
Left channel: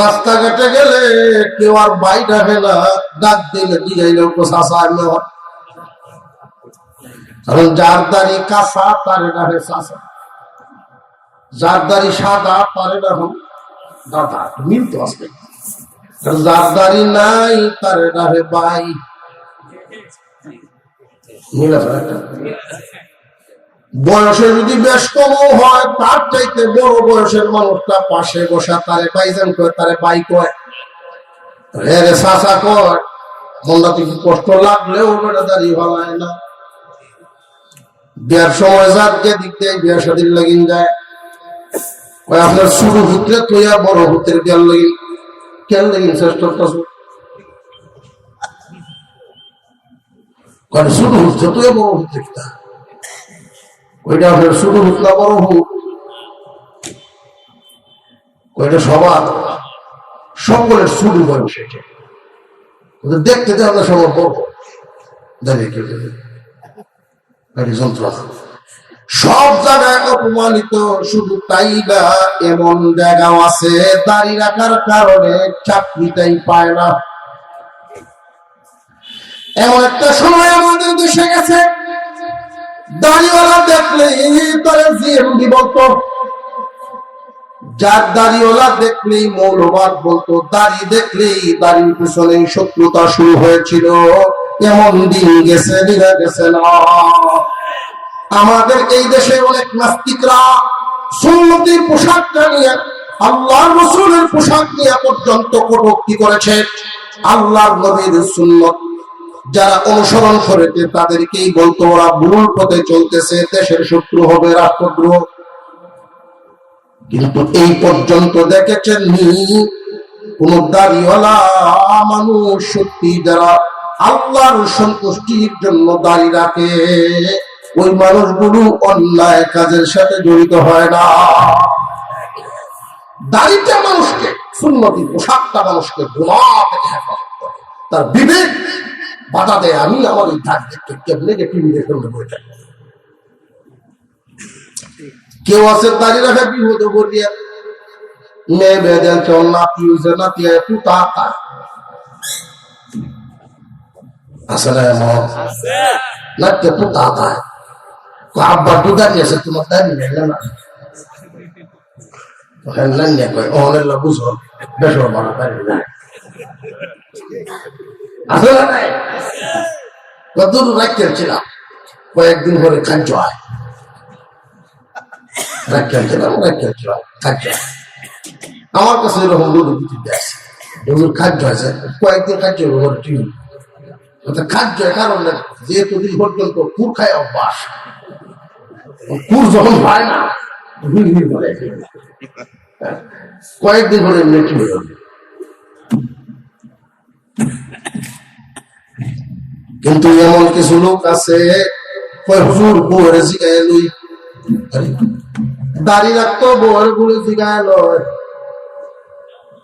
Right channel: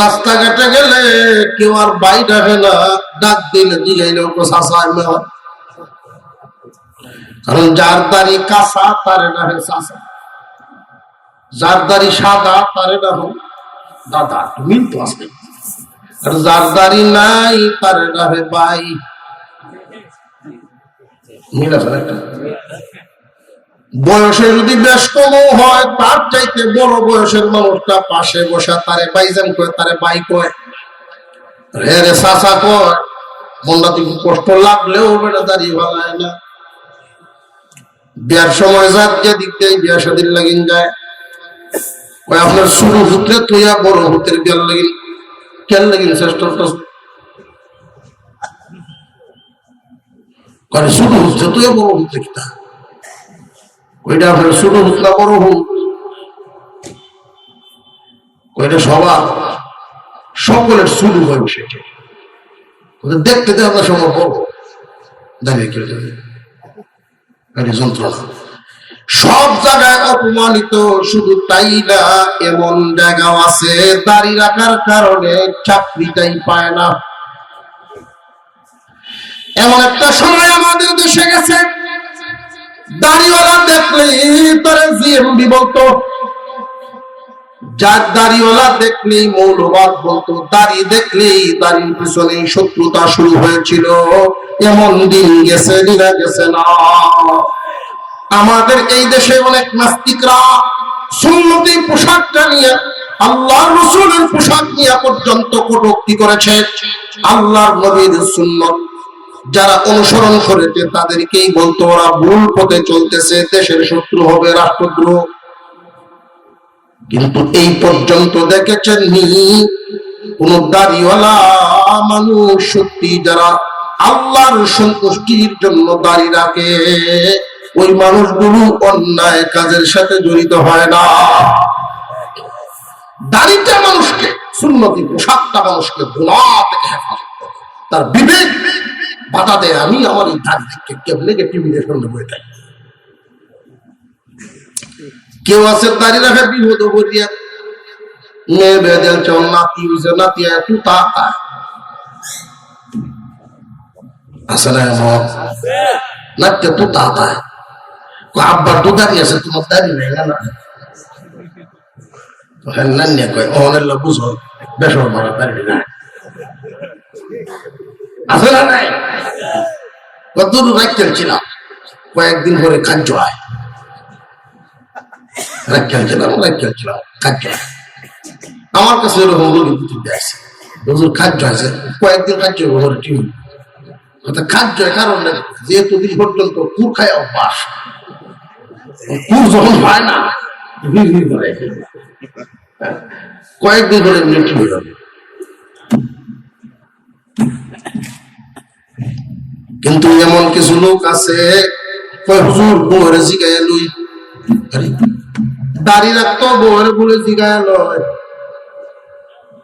রাস্তাঘাটে গেলে কেউ আর বাইরে হবে না, ডাক দিলে দিলাইলেও চাষা। কারণ যার দাড়ি কাঁচা তারে না হে চাষা, যার দাড়ি সাদা তারে না হোক দাদা। মিল তো আসবে। যার দাড়ি নাই তারে না হে ভাই। মিল আছে একটা। বয়সে যদি বেশ কম হয়, তার চাইতে বড় বয়সের মানুষটা পাশে বসা তারে ভাইজান কয়, তারে ভাই কয়, রে রে চাচা কয়। মনটা থেকে কষ্ট লাগলেও বেটা দাঁড়িয়ে ভালো হয় না। বিয়ার সময় যাক যে দিক দিয়ে বিয়া শাদীর লাগিন যায়, আপনার শুরু হতে তুইয়া বড় হতে বিয়ার লাগিন কেন লাগিন শ্রেষ্ঠ শুরু হচ্ছে তুই বড় হতে কিনা ওইটা আপনার শুরু হুত না বড় হুত, ওইটা সবার সকলের শুরু হয় সেটা দেখতে দেয় আপনার সবার বড় দাঁড়িয়ে কেউ যন্ত্রণা। সব জায়গায় অপমানিত, শুধু তাই না, এমন জায়গাও আছে দাড়ি রাখার কারণে চাকরিটাই পায় না। এমন একটা সময় আমাদের দেশে গেছে, দাড়িওয়ালা দেখলেই তারা জিএমবি বলতো, যার দাড়িওয়ালা দেখলেই মৌলবাদ বলতো, দাড়ি দেখলেই দাড়ির পিছনে শত্রুতা শুরু হয়েছিল। এমন দিন গেছে, দিনা গেছে না। আমাদের এই দেশে অনেক নাস্তিকরা সুন্নতি পোশাকটা নিয়ে, আল্লাহর রাসূলের পোশাক নিয়ে পর্যন্ত কটূক্তি করেছে। আল্লাহর নবীর সুন্নত যারা অনুসরণ করেছে তাদেরকেই বলতো ওরা ভুল পথে চলতেছে, দেশের শত্রু হবে, রাষ্ট্রদ্রোহ। কিন্তু এই পর্যন্ত দেখেছেন নি কোন দাড়িওয়ালা মানুষ সত্যি যারা আল্লাহর সন্তুষ্টির জন্য দাড়ি রাখে, ওই মানুষগুলো অন্যায় কাজের সাথে জড়িত হয় না। দাড়িটা মানুষকে, সুন্নতি পোশাকটা মানুষকে গুনাহ থেকে হেফাজত করে, তার বিবেক বাধা দেয়। আমি আমার এই দাড়ি দেখতে কেমনে টিভিতে শুনতে বই থাকি। কেউ আছে দাড়ি রাখা বিপদ করিয়া মেয়ে বেদে নাতি হয়েছে, নাতি একটু তাতা আসলে নাচতে তো তাতা আব্বার তো দাঁড়িয়ে আছে, তোমার দাঁড়িয়ে নেই না। নান্যা কয় অনেল্লা বুঝো বেসর মারা দাঁড়িয়ে যায় আসলে নাই কত রাখতেন ছিলাম কয়েকদিন করে খাদ্য হয় রাখতেন ছিলাম খাদ্য আমার কাছে এরকম রোগী বুঝতে আছে হুজুর খাদ্য আছে কয়েকদিন খাদ্য ঘরে টিউন খাদ্য কারণ যেহেতু দিন পর্যন্ত কুর খায় অভ্যাস কুর যখন হয় না কয়েকদিন ধরে মৃত্যু হয়ে যাবে কিন্তু এমন কিছু লোক আছে হুজুর বউয়ের জিগায় লই দাড়ি রাখতো বউয়ের বলে জিগায় লয়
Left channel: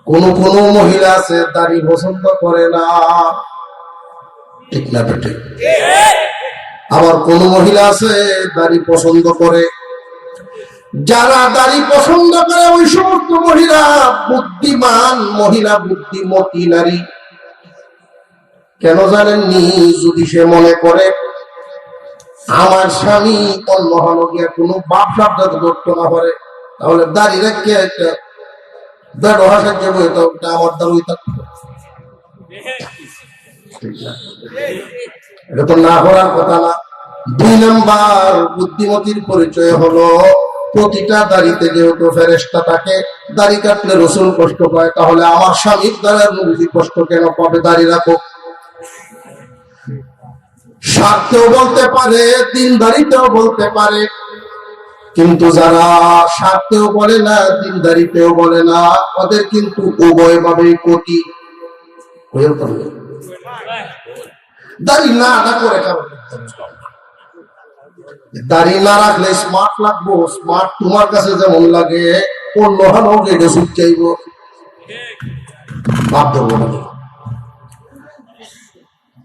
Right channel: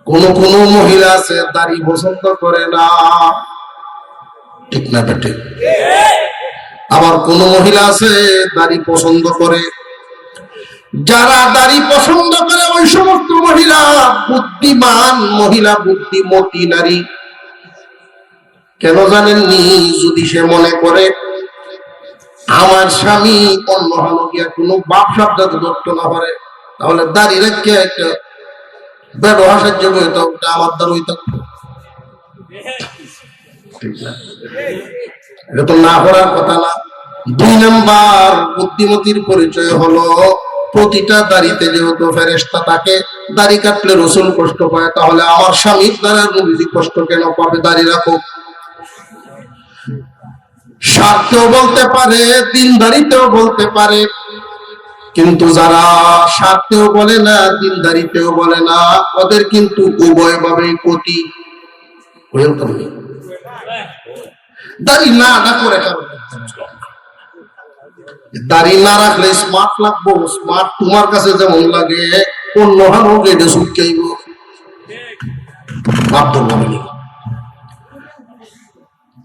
কোন কোন মহিলা আছে দাড়ি পছন্দ করে না ঠিক না বেটে আবার কোন মহিলা আছে দাড়ি পছন্দ করে যারা দাড়ি পছন্দ করে ওই সমস্ত মহিলা বুদ্ধিমান মহিলা বুদ্ধিমতী নারী কেন জানেননি যদি সে মনে করে আমার স্বামী অন্য হলো গিয়া কোনো বাপ সাবধান করতে না পারে তাহলে দাড়ি রেখে একটা ব্যবহার সাহায্য করে ওটা আমার দ্বারা ওই থাকতো এটা তো না করার কথা না। 2 নাম্বার বুদ্ধিমতির পরিচয় হলো প্রতিটা দাড়িতে যেহেতু ফেরেশতা থাকে দাড়ি কাটলে রসুল কষ্ট পায় তাহলে আমার স্বামীর দ্বারা নবীজি কষ্ট কেন পাবে দাড়ি রাখো স্বার্থেও বলতে পারে দিনদারিতেও বলতে পারে কিন্তু যারা স্বার্থেও বলে না দিনদারিতেও বলে না ওদের কিন্তু উভয় ভাবেই ক্ষতি দাড়ি না করে কারণ দাড়ি না রাখলে স্মার্ট লাগবো স্মার্ট তোমার কাছে যেমন লাগে অন্য হানো গেটে সুটকাইব বাপ ধরবো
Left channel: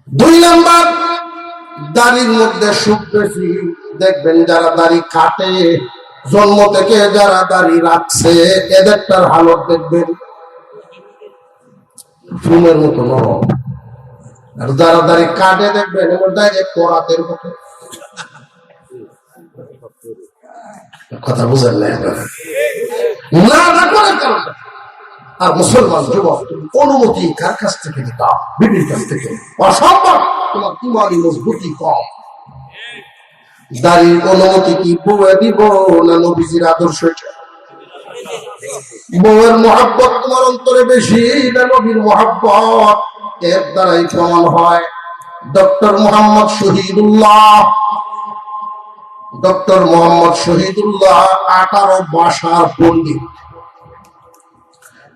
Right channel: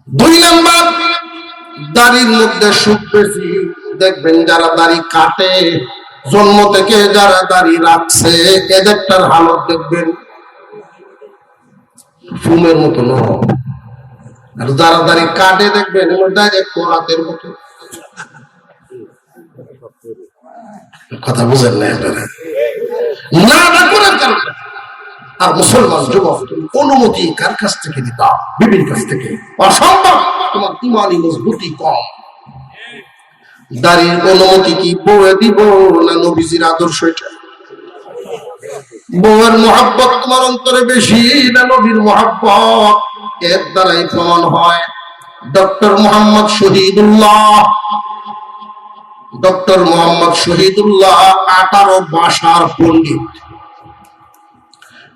2 নাম্বার দাড়ির মধ্যে সুখ বেশি দেখবেন যারা দাড়ি কাটে জন্ম থেকে যারা দাড়ি রাখছে এদেরটার হালত দেখবেন ফুমের মতো নরম আর যারা দাড়ি কাটে দেখবেন করাতের মতো কথা বুঝেন না আপনারা না করার কারণে আর মুসলমান যুবক তুমি অনুমতি কার কাছ থেকে দিবা বিবির কাছ থেকে অসম্ভব তোমার ইমানি মজবুতি কম দাড়ির অনুমতি কি বউয়ে দিব না নবীজির আদর্শ এটা বউয়ের মহব্বত তোমার অন্তরে বেশি না নবীর মহব্বত এর দ্বারাই প্রমাণ হয় ডক্টর মোহাম্মদ শহীদুল্লাহ 18 ভাষার পণ্ডিত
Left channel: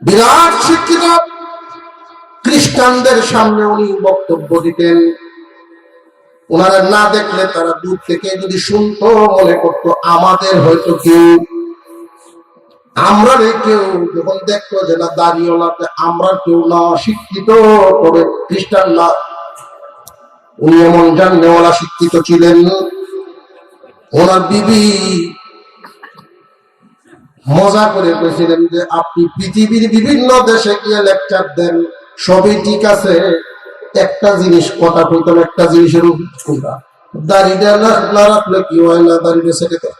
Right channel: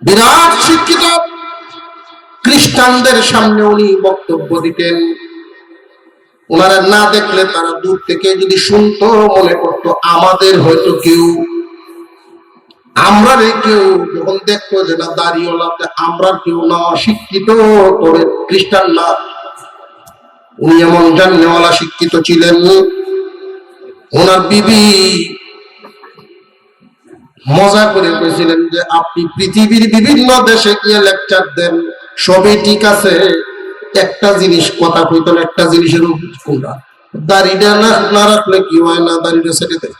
বিরাট শিক্ষিত খ্রিস্টানদের সামনে উনি বক্তব্য দিতেন ওনারা না দেখলে তারা দূর থেকে যদি শুনতো মনে করতো আমাদের হয়তো আমরা কেউ যখন দেখতো যে না দাঁড়িয়েওয়ালাতে আমরা কেউ না শিক্ষিত তবে খ্রিস্টান না উনি এমন জাননেওয়ালা শিক্ষিত ছিলেন ওনার বিবি মজা করে বলেছিলেন যে আপনি পৃথিবীর বিভিন্ন দেশে গিয়ে লেকচার দেন সবই ঠিক আছে একটা জিনিস কথা কইতেন একটা জিনিসের কোনটা দাড়িটা না রাখলে কি হয় না দাড়িটা ছেড়ে দেয়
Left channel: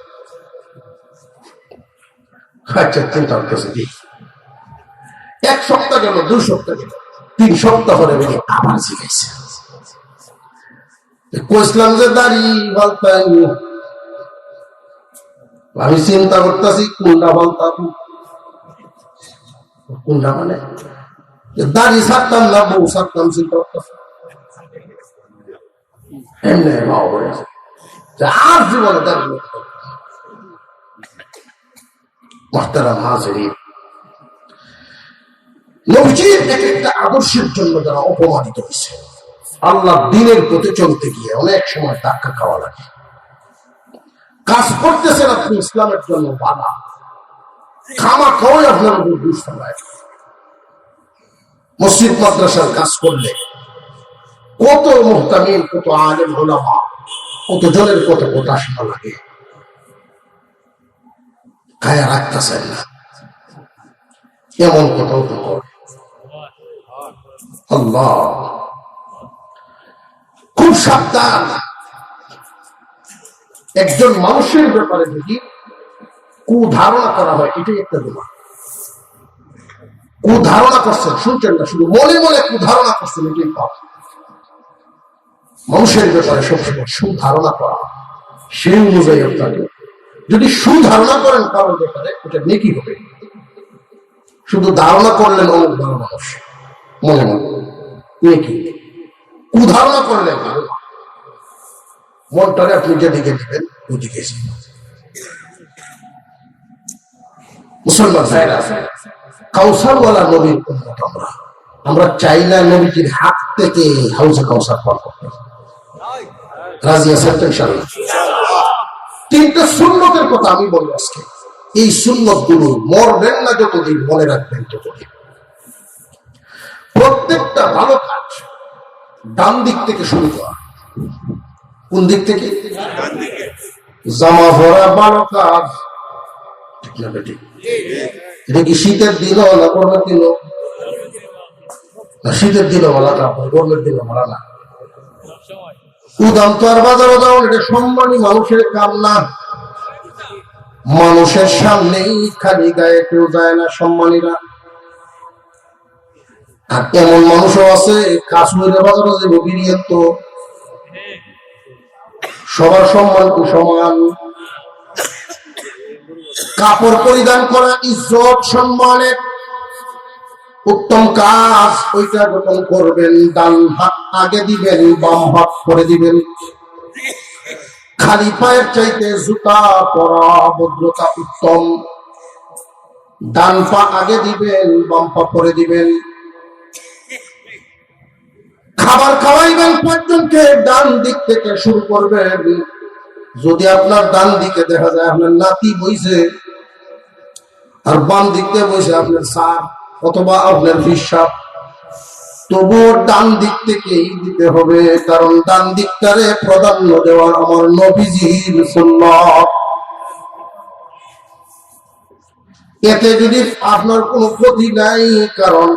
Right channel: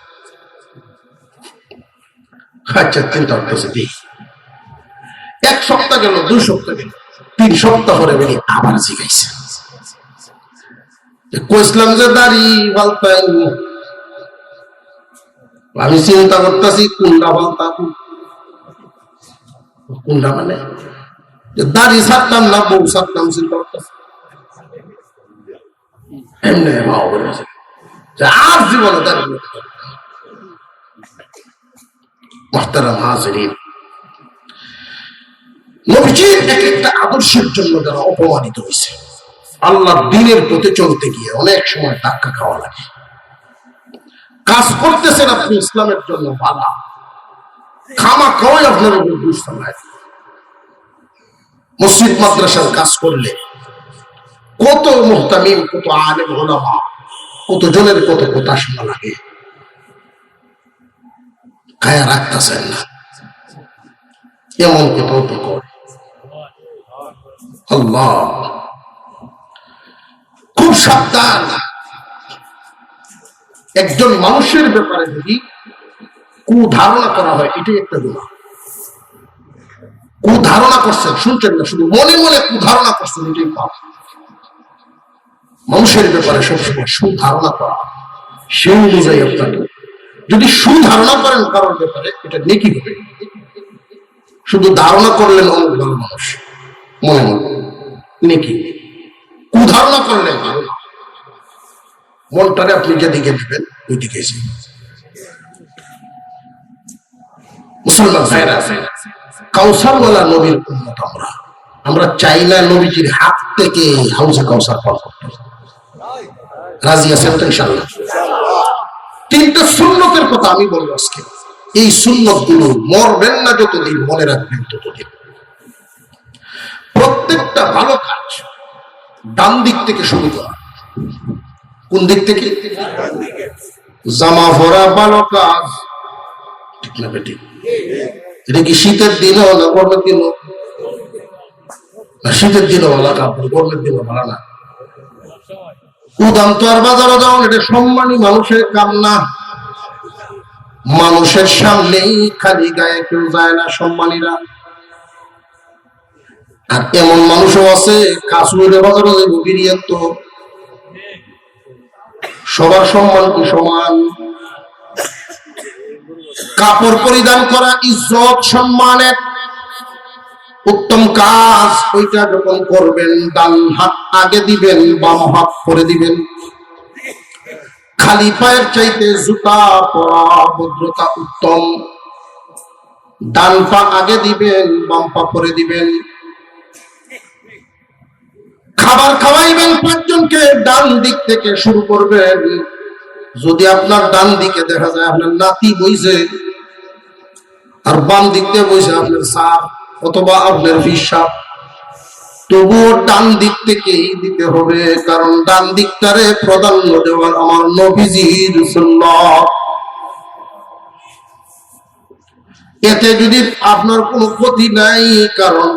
আচ্ছা চিন্তা করতেছে কি 1 সপ্তাহ গেল 2 সপ্তাহ গেল 3 সপ্তাহ পরে বেরিয়ে আবার জিজ্ঞাসা কইসলাম যে দাড়ি বলতাম আমি চিন্তা করতেছি কোনটা বলতাম কোনটা মানে দাড়ি ছাড়তাম না বউ ছাড়তাম চিন্তা করতেছি এমনি আর জীবনে দাড়ি মুহতারাম হাজিরিন নবীজির একটা আদর্শের জন্য যারা অপমানিত হয়েছে আল্লাহ দ্বীনের পথে চলতে গিয়ে অনেক সময় ধাক্কা খাওয়া লাগে কাজ করতেছেন আপনি ইসলামের জন্য বাধা খামা খাওয়াই আপনার উপর দুষ্টাম মসজিদ মাদ্রাসার কাজ করলে কত মুহতামিম কত আলেম ওলামা কত জনের কত কথা শোনা লাগে গায়ে রাখতেছেন না এমন কোথাও তো কর আল্লাহ খুব সাবধান একজন মানুষের ব্যাপারে যদি কুধারণা করা হয় এটাই একটা গুনাহ কুধারণা করছেন, শুনছেন না, শুধু মনে মনে কুধারণা করছেন, এটাই পাপ। মানুষের ব্যাপারে সবসময় সুধারণা করা, সে অনুযায়ী আপনাকে যদি সুধারণা করেন কারোর ব্যাপারে, এটা নেকি হবে। শুধু ধারণা করলেন অনেক ভালো মানুষ মনে মনে, নেকি। কুধারণা করলেন মনটারে আপনি যেদিকে দিবেন ওই দিকে। মুসলমান ভাইরা, কাউসারওয়ালা নবীর উম্মত আমরা। আমরা চাই না নবীজির হাত থেকে হাউজে কাউসার পান করতে। রাজি আছেন তো ইনশাআল্লাহ? তিনটা সুন্নতের কথা আমি বলবো আজকে। এই সুন্নত গুলো মরবেন না যতদিন, মনে রাখবেন ততদিন। প্রত্যেকটা ভালো কাজ ডান দিক থেকে শুরু করা। কোন দিক থেকে? জামা পরা ভালো কাজ, ঠিক না বেটি? এটা কি শীতের দিনও না গরমের দিনও? না, শীতের দিনও ভালো কাপড়, গরমের দিনও ভালো না। উদাম তো আর বাজারে যাও, এটা সম্মানী মানুষের কাম না। মানুষের সামনেই খালি গায়ে কেউ যায় না সম্মানীরা। আর এমন মানুষও আছে কাশ্মীরে বাজারে বেরিয়ে তো সবার সম্মান কি সমান? কাপড় পরিধান করা ইজ্জত সম্মানের উত্তম কাজ। ওইটা যখন করবেন, ডান হাত আগে দিবেন, বাম হাত পরে দিবেন। খালি পায়ের চাইতে জুতা পরা ভদ্রতা উত্তম। ডান পা আগে দিবেন, বাম পা পরে দিবেন। খাবার খাওয়াইবেন পাঁচজনকে, ডান দিক থেকে শুরু করবেন। যদি আপনার ডান দিকে দেখা যায় আপনার নাতি বইছে, আর বাম দিক থেকে বইছে আপনার স্যার অথবা আপনার হিসাব, তবুও ডান দিক থেকেই দিতে হবে, কারণ ডান দিকটারে প্রাধান্য দেওয়ার আমার নবীজির সুন্নাত। এতে যদি আপনার কোনো ক্ষতি নাই, কারণ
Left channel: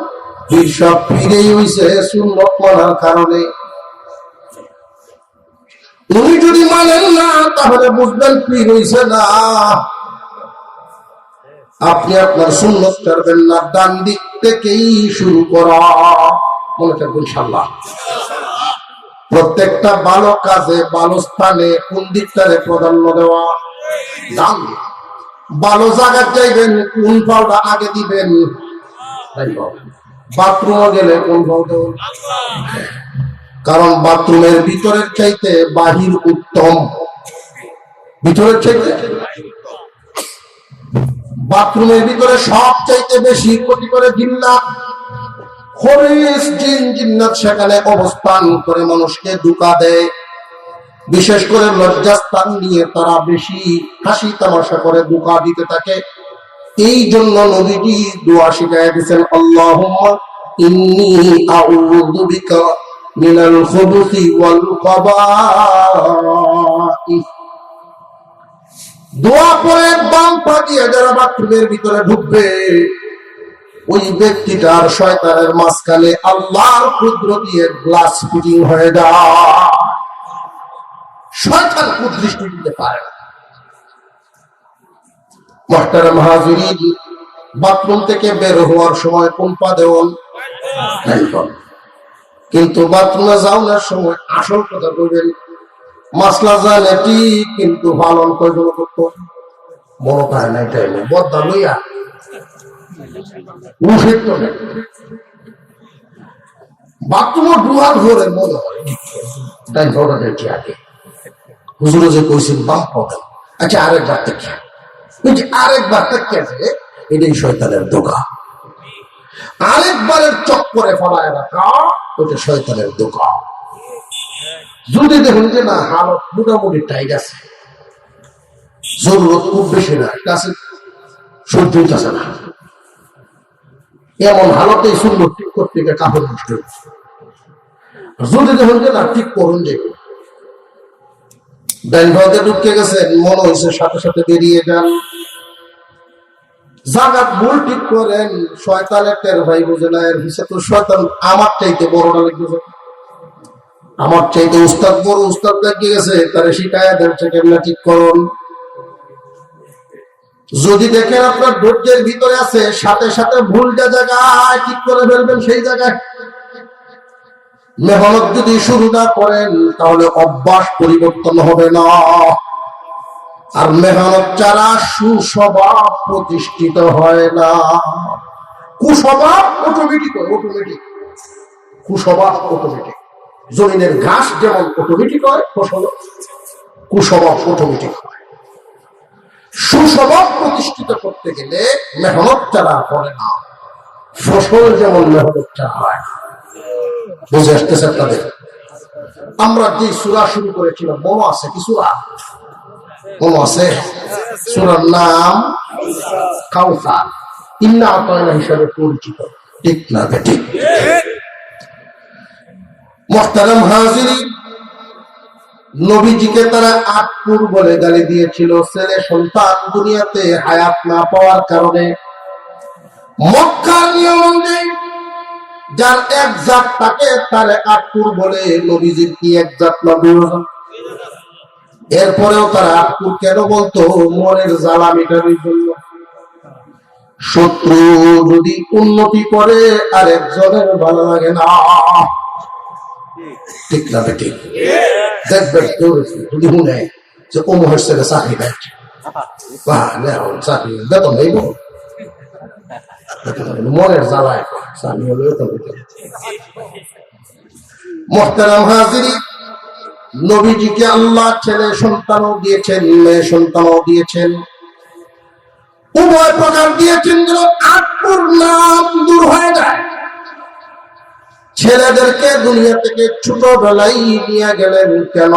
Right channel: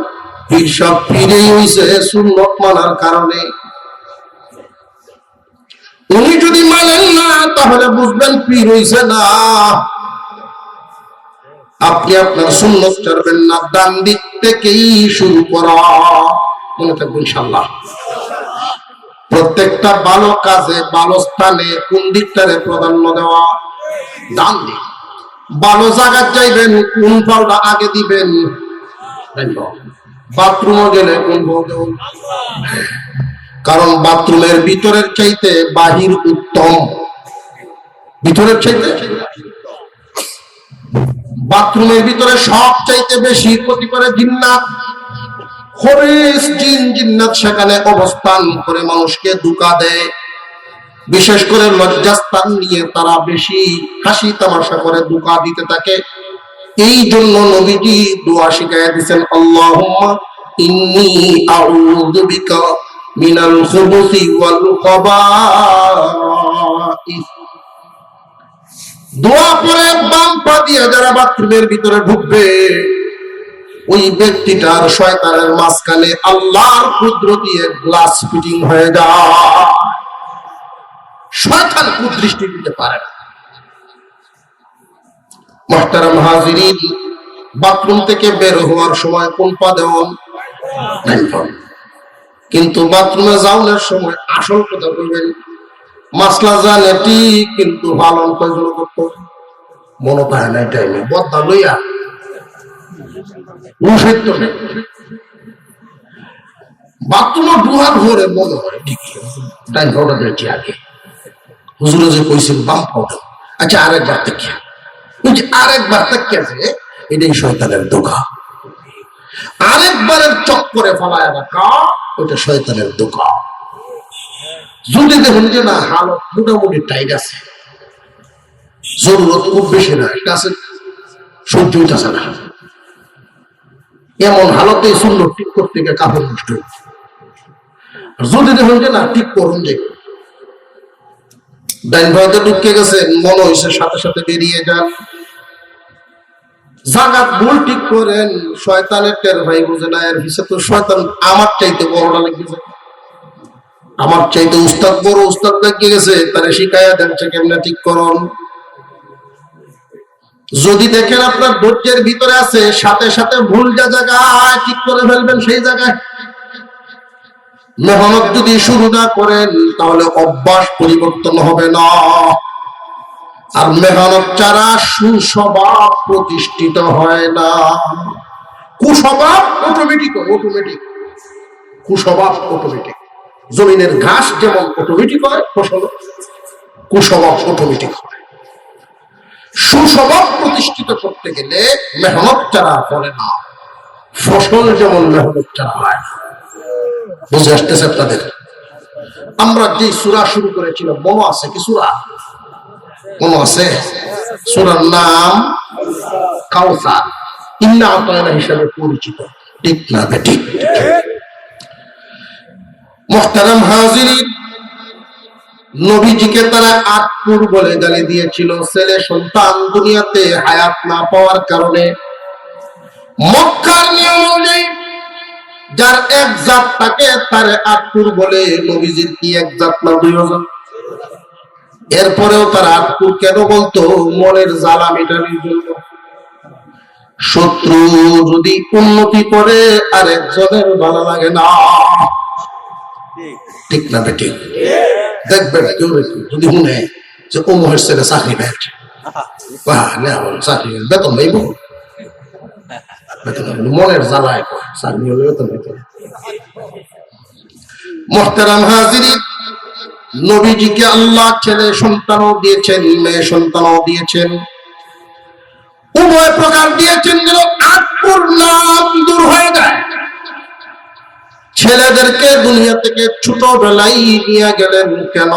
হিসাব ফিরেই হইছে সুন্নত মানার কারণে। উনি যদি মানেন না, তাহলে বুঝবেন পীর হইছে না। আপনি আপনার সুন্নত ছাড়বেন না, ডান দিক থেকেই শুরু করা। মনে থাকবে ইনশাআল্লাহ। প্রত্যেকটা ভালো কাজে, ভালো স্থানে কোন দিকটারে প্রাধান্য দেওয়া? ডান দিক। ভালো জায়গা যাইবেন, কোন পাওটা আগে দিবেন? বাথরুমে গেলে কোন পাও দেবেন? কারণ বাথরুমের ভিতরের চাইতে বাহির উত্তম। ভিতরের চাইতে বাথরুমের ভিতরে সব চাইতে বেশি ক্ষতি করে জিন্নাত। খবিস জিন জিন্নাত সেখানে অবস্থান করে মানুষকে ধোঁকা দেয়। বিশেষ করে লজ্জাস্থান নিয়ে তারা বেশি হাসি তামাশা করে ধোঁকা দিতে থাকে। এই জন্য নবীজি দোয়া শিখাইয়া দিয়েছেন, আল্লাহুম্মা ইন্নী আউযু বিকা মিনাল খুবুসি ওয়াল খাবাইস। দোয়া পরে বাম পা দিয়ে যারা বাথরুমের ভিতরে ঢুকবে, ওই ব্যক্তিটার শয়তানের মাঝখানে আল্লাহর কুদরত দিয়ে গ্লাস ফিটিং হয়ে যায়। শয়তান কুদৃষ্টি দিতে পারে না। মুহতারাম হাজিরিন, বাথরুম থেকে বের হওয়ার সময় কোন পা দেওয়ান? কিন্তু বাথরুমে যাওয়ার সময় আসল কথা বলবেন। মাসলা জানে ঠিক, কিন্তু পালন কয়জন করতো মনে পায় না। টাইমে বদা লইয়া বাথরুমে ডুহার ভরে মনে হয় ঠিক টাইম পাউডার দিয়েছি আগে। হুজুরে যে কইছেন বাম পাউডার, আচ্ছা আরেকবার থেকে, ওই যে আরেকবার থেকে আছে, এটাই শয়তানের ধোঁকা। আরেকবারের চক্করে ফলায় রাখা, ওটা শয়তানের ধোঁকা। যদি দেখুন যে না হালত মোটামুটি টাইট আছে, জরুরত খুব বেশি না, এটা আছে, সহ্য হইতেছে না, এমন হালতে সুন্দর ঠিক করতে গিয়ে কাপড় নষ্ট হচ্ছে। যদি দেখুন যে না ঠিক করুন, যে ডাইন ভাইতে ঢুকে গেছেন, মনে হয়েছে সাথে সাথে বেরিয়ে যান। জাগাত ভুল ঠিক করেন, শয়তানের টের ভাই বুঝে না। এর হিসেবে তো শয়তান আমার চাইতে বড়টা লেগেছে, আমার চাইতে উস্তাদ বড়, উস্তাদ দেখে গেছে, তারে শিখাইয়া দেন কেমনে ঠিক করুন। যদি দেখেন আপনার ধৈর্যের ভিতরে আছে, সাথে সাথে ভুল জায়গায় ঠিক করে ফেলবেন সেই জায়গায়। মেহনত যদি শুরু না করেন তাহলে অভ্যাস পরিবর্তন হবে না। আর মেহনত ছাড়া সুস্বভাব প্রতিষ্ঠিত হয় না। কুস্বভাব অটোমেটিক হয়, অটোমেটিক। কুস্বভাব অটোমেটিক। জমিনের ঘাস যেমন অটোমেটিক হয় ফসল, কুস্বভাব অটোমেটিক হয়। সুস্বভাব প্রতিষ্ঠিত করতে গেলে মেহনত ছাড়া করে না। ফসল যেমন মেহনত ছাড়া হয় না। বুঝে আসতেছে আপনাদের? আমরা যে সূরা শুরু করেছিলাম মনে আছে কি? সূরা মনে আছে? সূরার নাম কাউসার, ইন্না আতায়না হিসেবে পরিচিত, ঠিক না? ঠিক। মুহতারাম হাজিরিন, নবীজিকে তারা আটপুর বলে গালি দিয়েছিল, ছেলে সন্তান দুনিয়াতে হায়াত না পাওয়ার কারণে। মক্কার নিয়ম অনুযায়ী যার এক জাত তাকে তারে আটপুর বলে। নবীজির কি এক জাত না দুই জাত? এরপরেও তারা আটপুর কেন বলতো? মনের জ্বালা মেটানোর জন্য। শত্রু যদি উন্নতি করে আর একজনের ভালো লাগে না, ঠিক না বেঠিক? দেখবেন কেউ যদি শুনে যে ও মহের ছেলে চাকরি পেয়েছে, চাকরি বেতন নেই, মনের জ্বালায় চাকরি হলে বেতন হইতে। মুহতারাম হাজিরিন, নবীজিকে আল্লাহ ছেলে সন্তানও দিয়েছেন, মেয়ে সন্তানও দিয়েছেন, উভয় প্রকার দিয়েছেন যেন আটপুর নাম দূর হয়ে যায়। ছেলেদেরকে দুনিয়া থেকে ছোটবেলায় নিয়ে গেলেন কেন?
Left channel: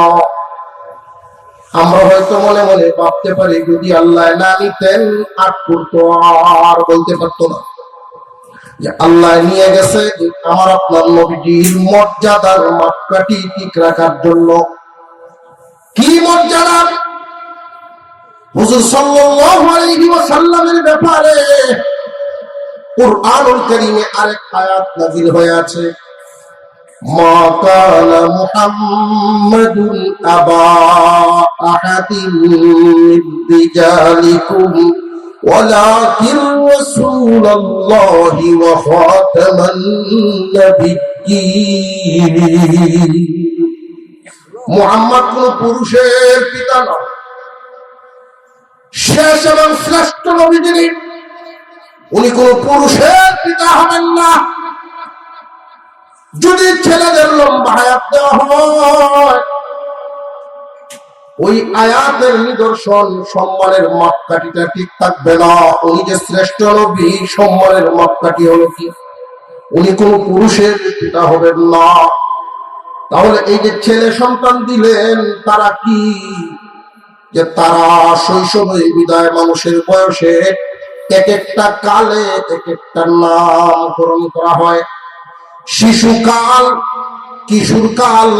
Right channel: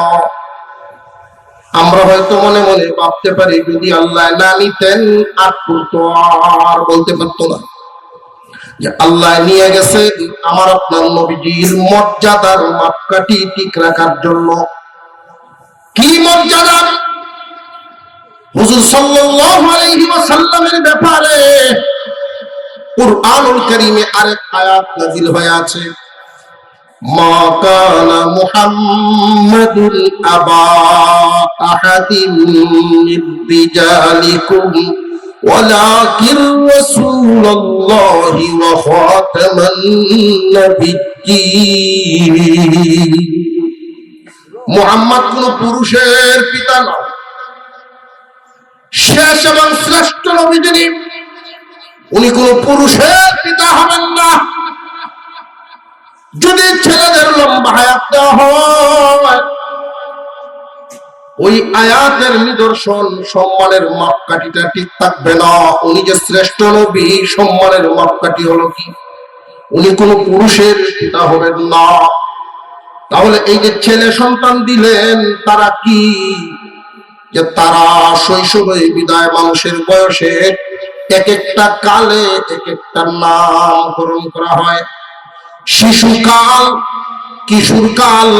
আমরা হয়তো মনে মনে ভাবতে পারি যদি আল্লাহ না নিতেন আটপুর তো আর বলতে পারতো না। যে আল্লাহ নিয়ে গেছে আমার আপনার নবীজির মর্যাদার মাপকাঠি ঠিক রাখার জন্য। কি মর্যাদা? হুজুর সাল্লাল্লাহু আলাইহি ওয়াসাল্লামের ব্যাপারে কুরআনুল কারীমে আরেক আয়াত নাযিল হয়ে আছে, মা কানা মুহাম্মাদুন আবা আহাদিন মির রিজালিকুম ওয়ালাকিন রাসূলুল্লাহি ওয়া খাতামান নাবিয়্যিন। মুহাম্মদ কোন পুরুষের পিতা নয়, শেষ এবং শ্রেষ্ঠ নবী তিনি। উনি কোন পুরুষের পিতা হবেন না। যদি ছেলেদের লম্বা হায়াত দেওয়া হয়, ওই আয়াতের নিদর্শন সম্মানের মাপকাঠিটা ঠিক থাকবে না। উনি যে শ্রেষ্ঠ নবী, সম্মানের মাপকাঠি হলো কি? উনি কোন পুরুষের পিতা হবেন না। তাহলে এই যে ছেলে সন্তান দিলেন, তারা কি? যে তারা শৈশবে বিদায় মানুষের বয়সে এক একটা কালে এক একটা নামকরণ করা হয়। শিশুকাল, কিশোরকাল,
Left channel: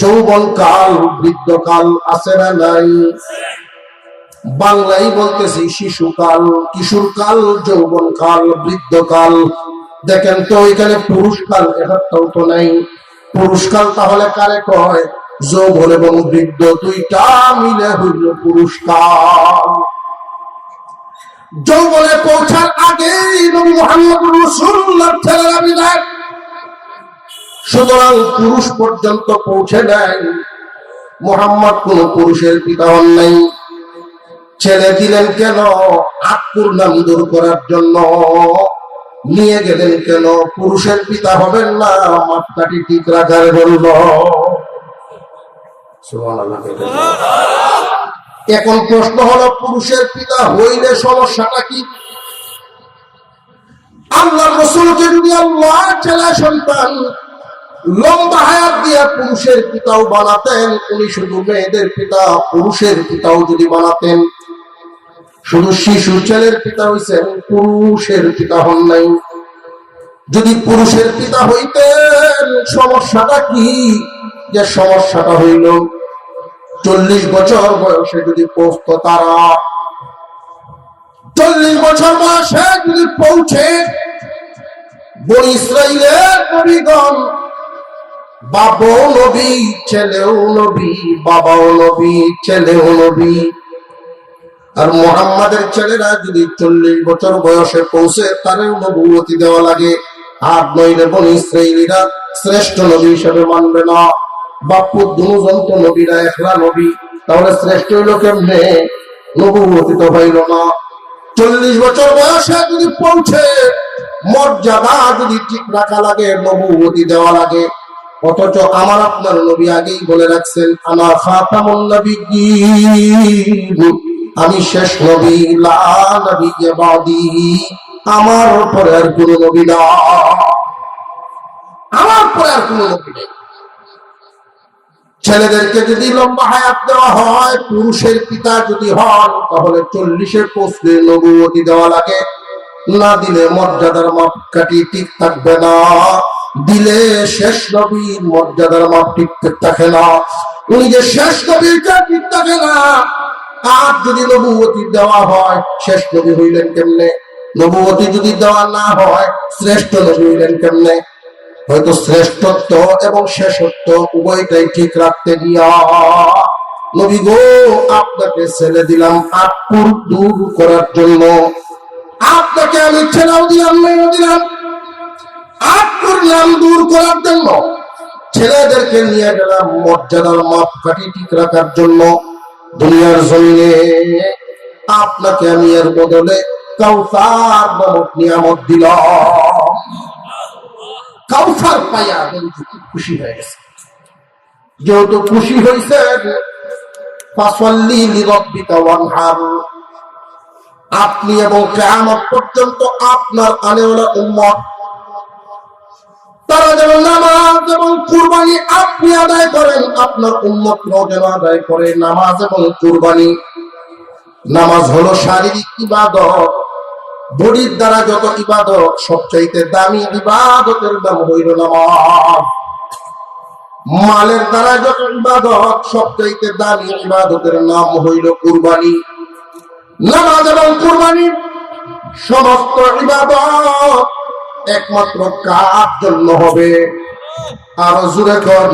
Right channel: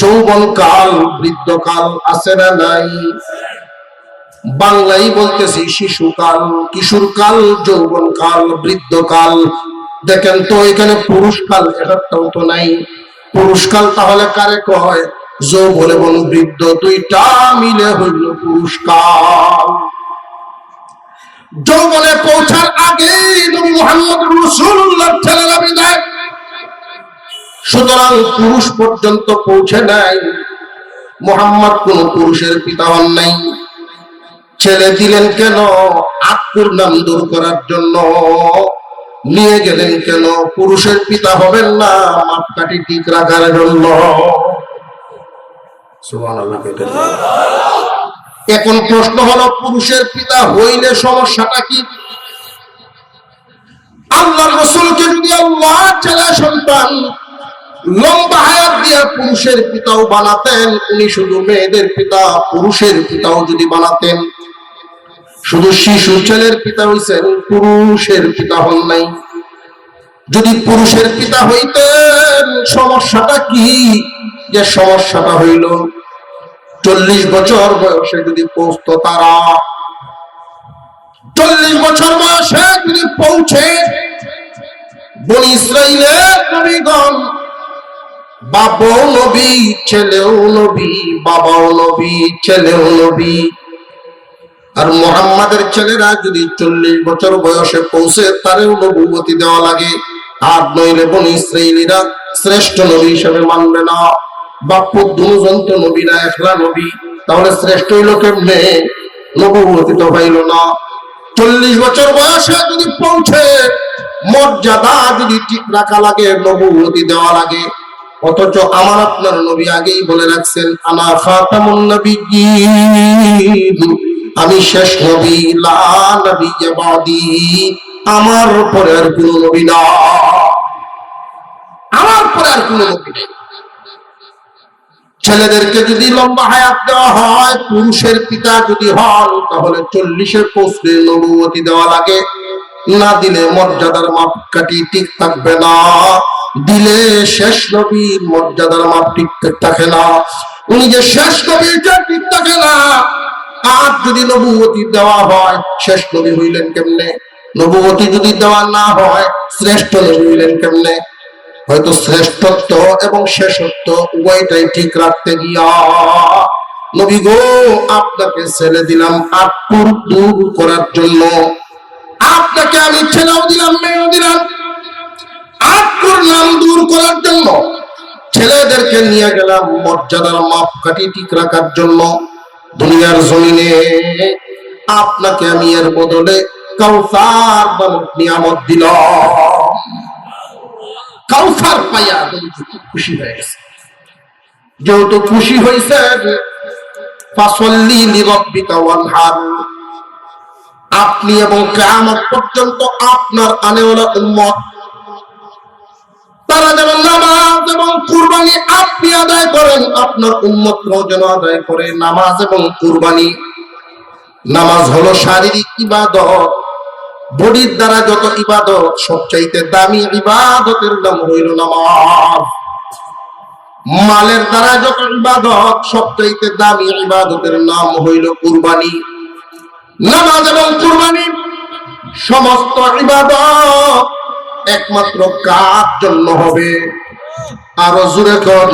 যৌবনকাল, বৃদ্ধকাল আছে না নাই? বাংলাই বলতেছি শিশুকাল, কিশোরকাল, যৌবনকাল, বৃদ্ধকাল। দেখেন তো এখানে পুরুষকাল একটাও তো নাই। পুরুষকাল তাহলে কারে কয়? যৌবন এবং বৃদ্ধ দুইটা মিলে হইল পুরুষকাল। যৌবনে পৌঁছার আগেই নবী মুহাম্মদুর রাসূলুল্লাহ ছেলেরা বিদায়। সুতরাং পুরুষ পর্যন্ত পৌঁছে নাই। মুহাম্মদ কোন পুরুষের পিতা হন নাই। ছেলে দিলেন কেন? আটপুর নাম দূর করার জন্য। নিয়ে গেলেন কেন? পুরুষের পিতা হবেন না, মাপকাঠি ঠিক রাখার জন্য। এখন প্রশ্ন হলো, পুরুষের পিতা হইলে সমস্যাটা কি? আল্লাহর রাসূলকে যদি আল্লাহ ছেলে সন্তান লম্বা হায়াত দিয়ে পুরুষের পিতাও বানাতেন, উনি শুধু মেয়েদের পিতা, পুরুষের পিতাও যদি বানাতেন, শুধু শিশু ছেলের পিতা হইছেন, পুরুষের পিতা হন নাই। যদি পুরুষের পিতা হইতেন, সমস্যাটা কি? যে সমস্যাটা হইল 40 বছর বয়সে যদি পৌঁছত তারা, 40 বছর বয়সে যদি পৌঁছে বনি ইসরাইলের নবীগণ, বাবাও নবী, ছেলেও নবী, বাবাও নবী, ছেলেও নবী, আর মুহাম্মাদের ছেলেরা যদি 40 বছর বয়সে পৌঁছে তারেও নবুয়তি দেওয়া লাগে, আর নইলে বনি ইসরাইলীরা শ্রেষ্ঠ নবী হিসেবে মানবে না। বাপ্পু দুজন তো নবী না, একলা নবী, তাহলে শ্রেষ্ঠ হইল কেমনে? নবুয়তি তো পাইল না। 40 বছর বয়সে যদি পৌঁছে মর্যাদা যদি ঠিক রাখা লাগে, নবুয়তি দেওয়া লাগে। অথচ আমার আপনার নবী আগেই বলে রাখছেন, আনা খাতামুন নবিয়্যিন, আমি শেষ নবী, লা নবিয়্যা বাদি, আমার পরে আর কোন নবী না, আমার পরে আর কোন নবী নেই। ছেলেদেরকে যদি লম্বা হায়াত দেওয়া হয়, পুরুষের পিতা যদি হন, তাহলে 40-এ পৌঁছলে নবুয়তি দেওয়া লাগে, না দিলে মর্যাদার মাপকাঠি ঠিক থাকবে না। দিলে শেষ নবীর মর্যাদার মাপ ঠিক থাকে না, উনি যে শেষ নবীটা ঠিক থাকে না। আর যদি নবুয়তি দেওয়া হয়, শেষ নবী হইলেন কেমনে? নবুয়তি যদি দেওয়া না হয়, শ্রেষ্ঠ নবী হইলেন কেমনে? হয়তো শ্রেষ্ঠত্ব এবং শেষত্ব উভয়টাই ঠিক রাখতে গিয়া নবী গো আপনাকে ছেড়ে দিলাম আটপুর দূর করার জন্য, আপনাকে আমি ছেড়েও দিলাম, মেয়েও দিলাম, আটপুর নাম দূর করার জন্য। ছেলেদেরকে নিয়ে গেলাম মর্যাদার মাপকাঠি ঠিক রাখার জন্য। দুনিয়ার জমিনে আপনাকে আমি এর বদলে কাউসার নামক নিয়ামত দিলাম। কাউসার পাইয়া খুব খুশি হয়ে গেছে। যেহেতু খুশি হয়েছে, ফাসাল্লি লিরাব্বিকা ওয়ানহার, আপনি এবং কিয়ামত পর্যন্ত আপনার আনেওয়ালা উম্মত তারা যেন নামাজ এবং কুরবানি আপনি আদায় করেন, আপনার উম্মতরাও যেন আদায় করে নামাজ এবং কুরবানি। নামাজ হলো শারীরিক ইবাদত, বডির দ্বারা যত ইবাদত সবচাইতে দামি ইবাদতের নাম হইল নামাজ। মালের দ্বারা যত ইবাদত সবচাইতে দামি ইবাদতের নাম হইল কুরবানি। নামাজ এবং কুরবানি সমস্ত ইবাদত একমাত্র কার জন্য হবে? আরো জোরে কর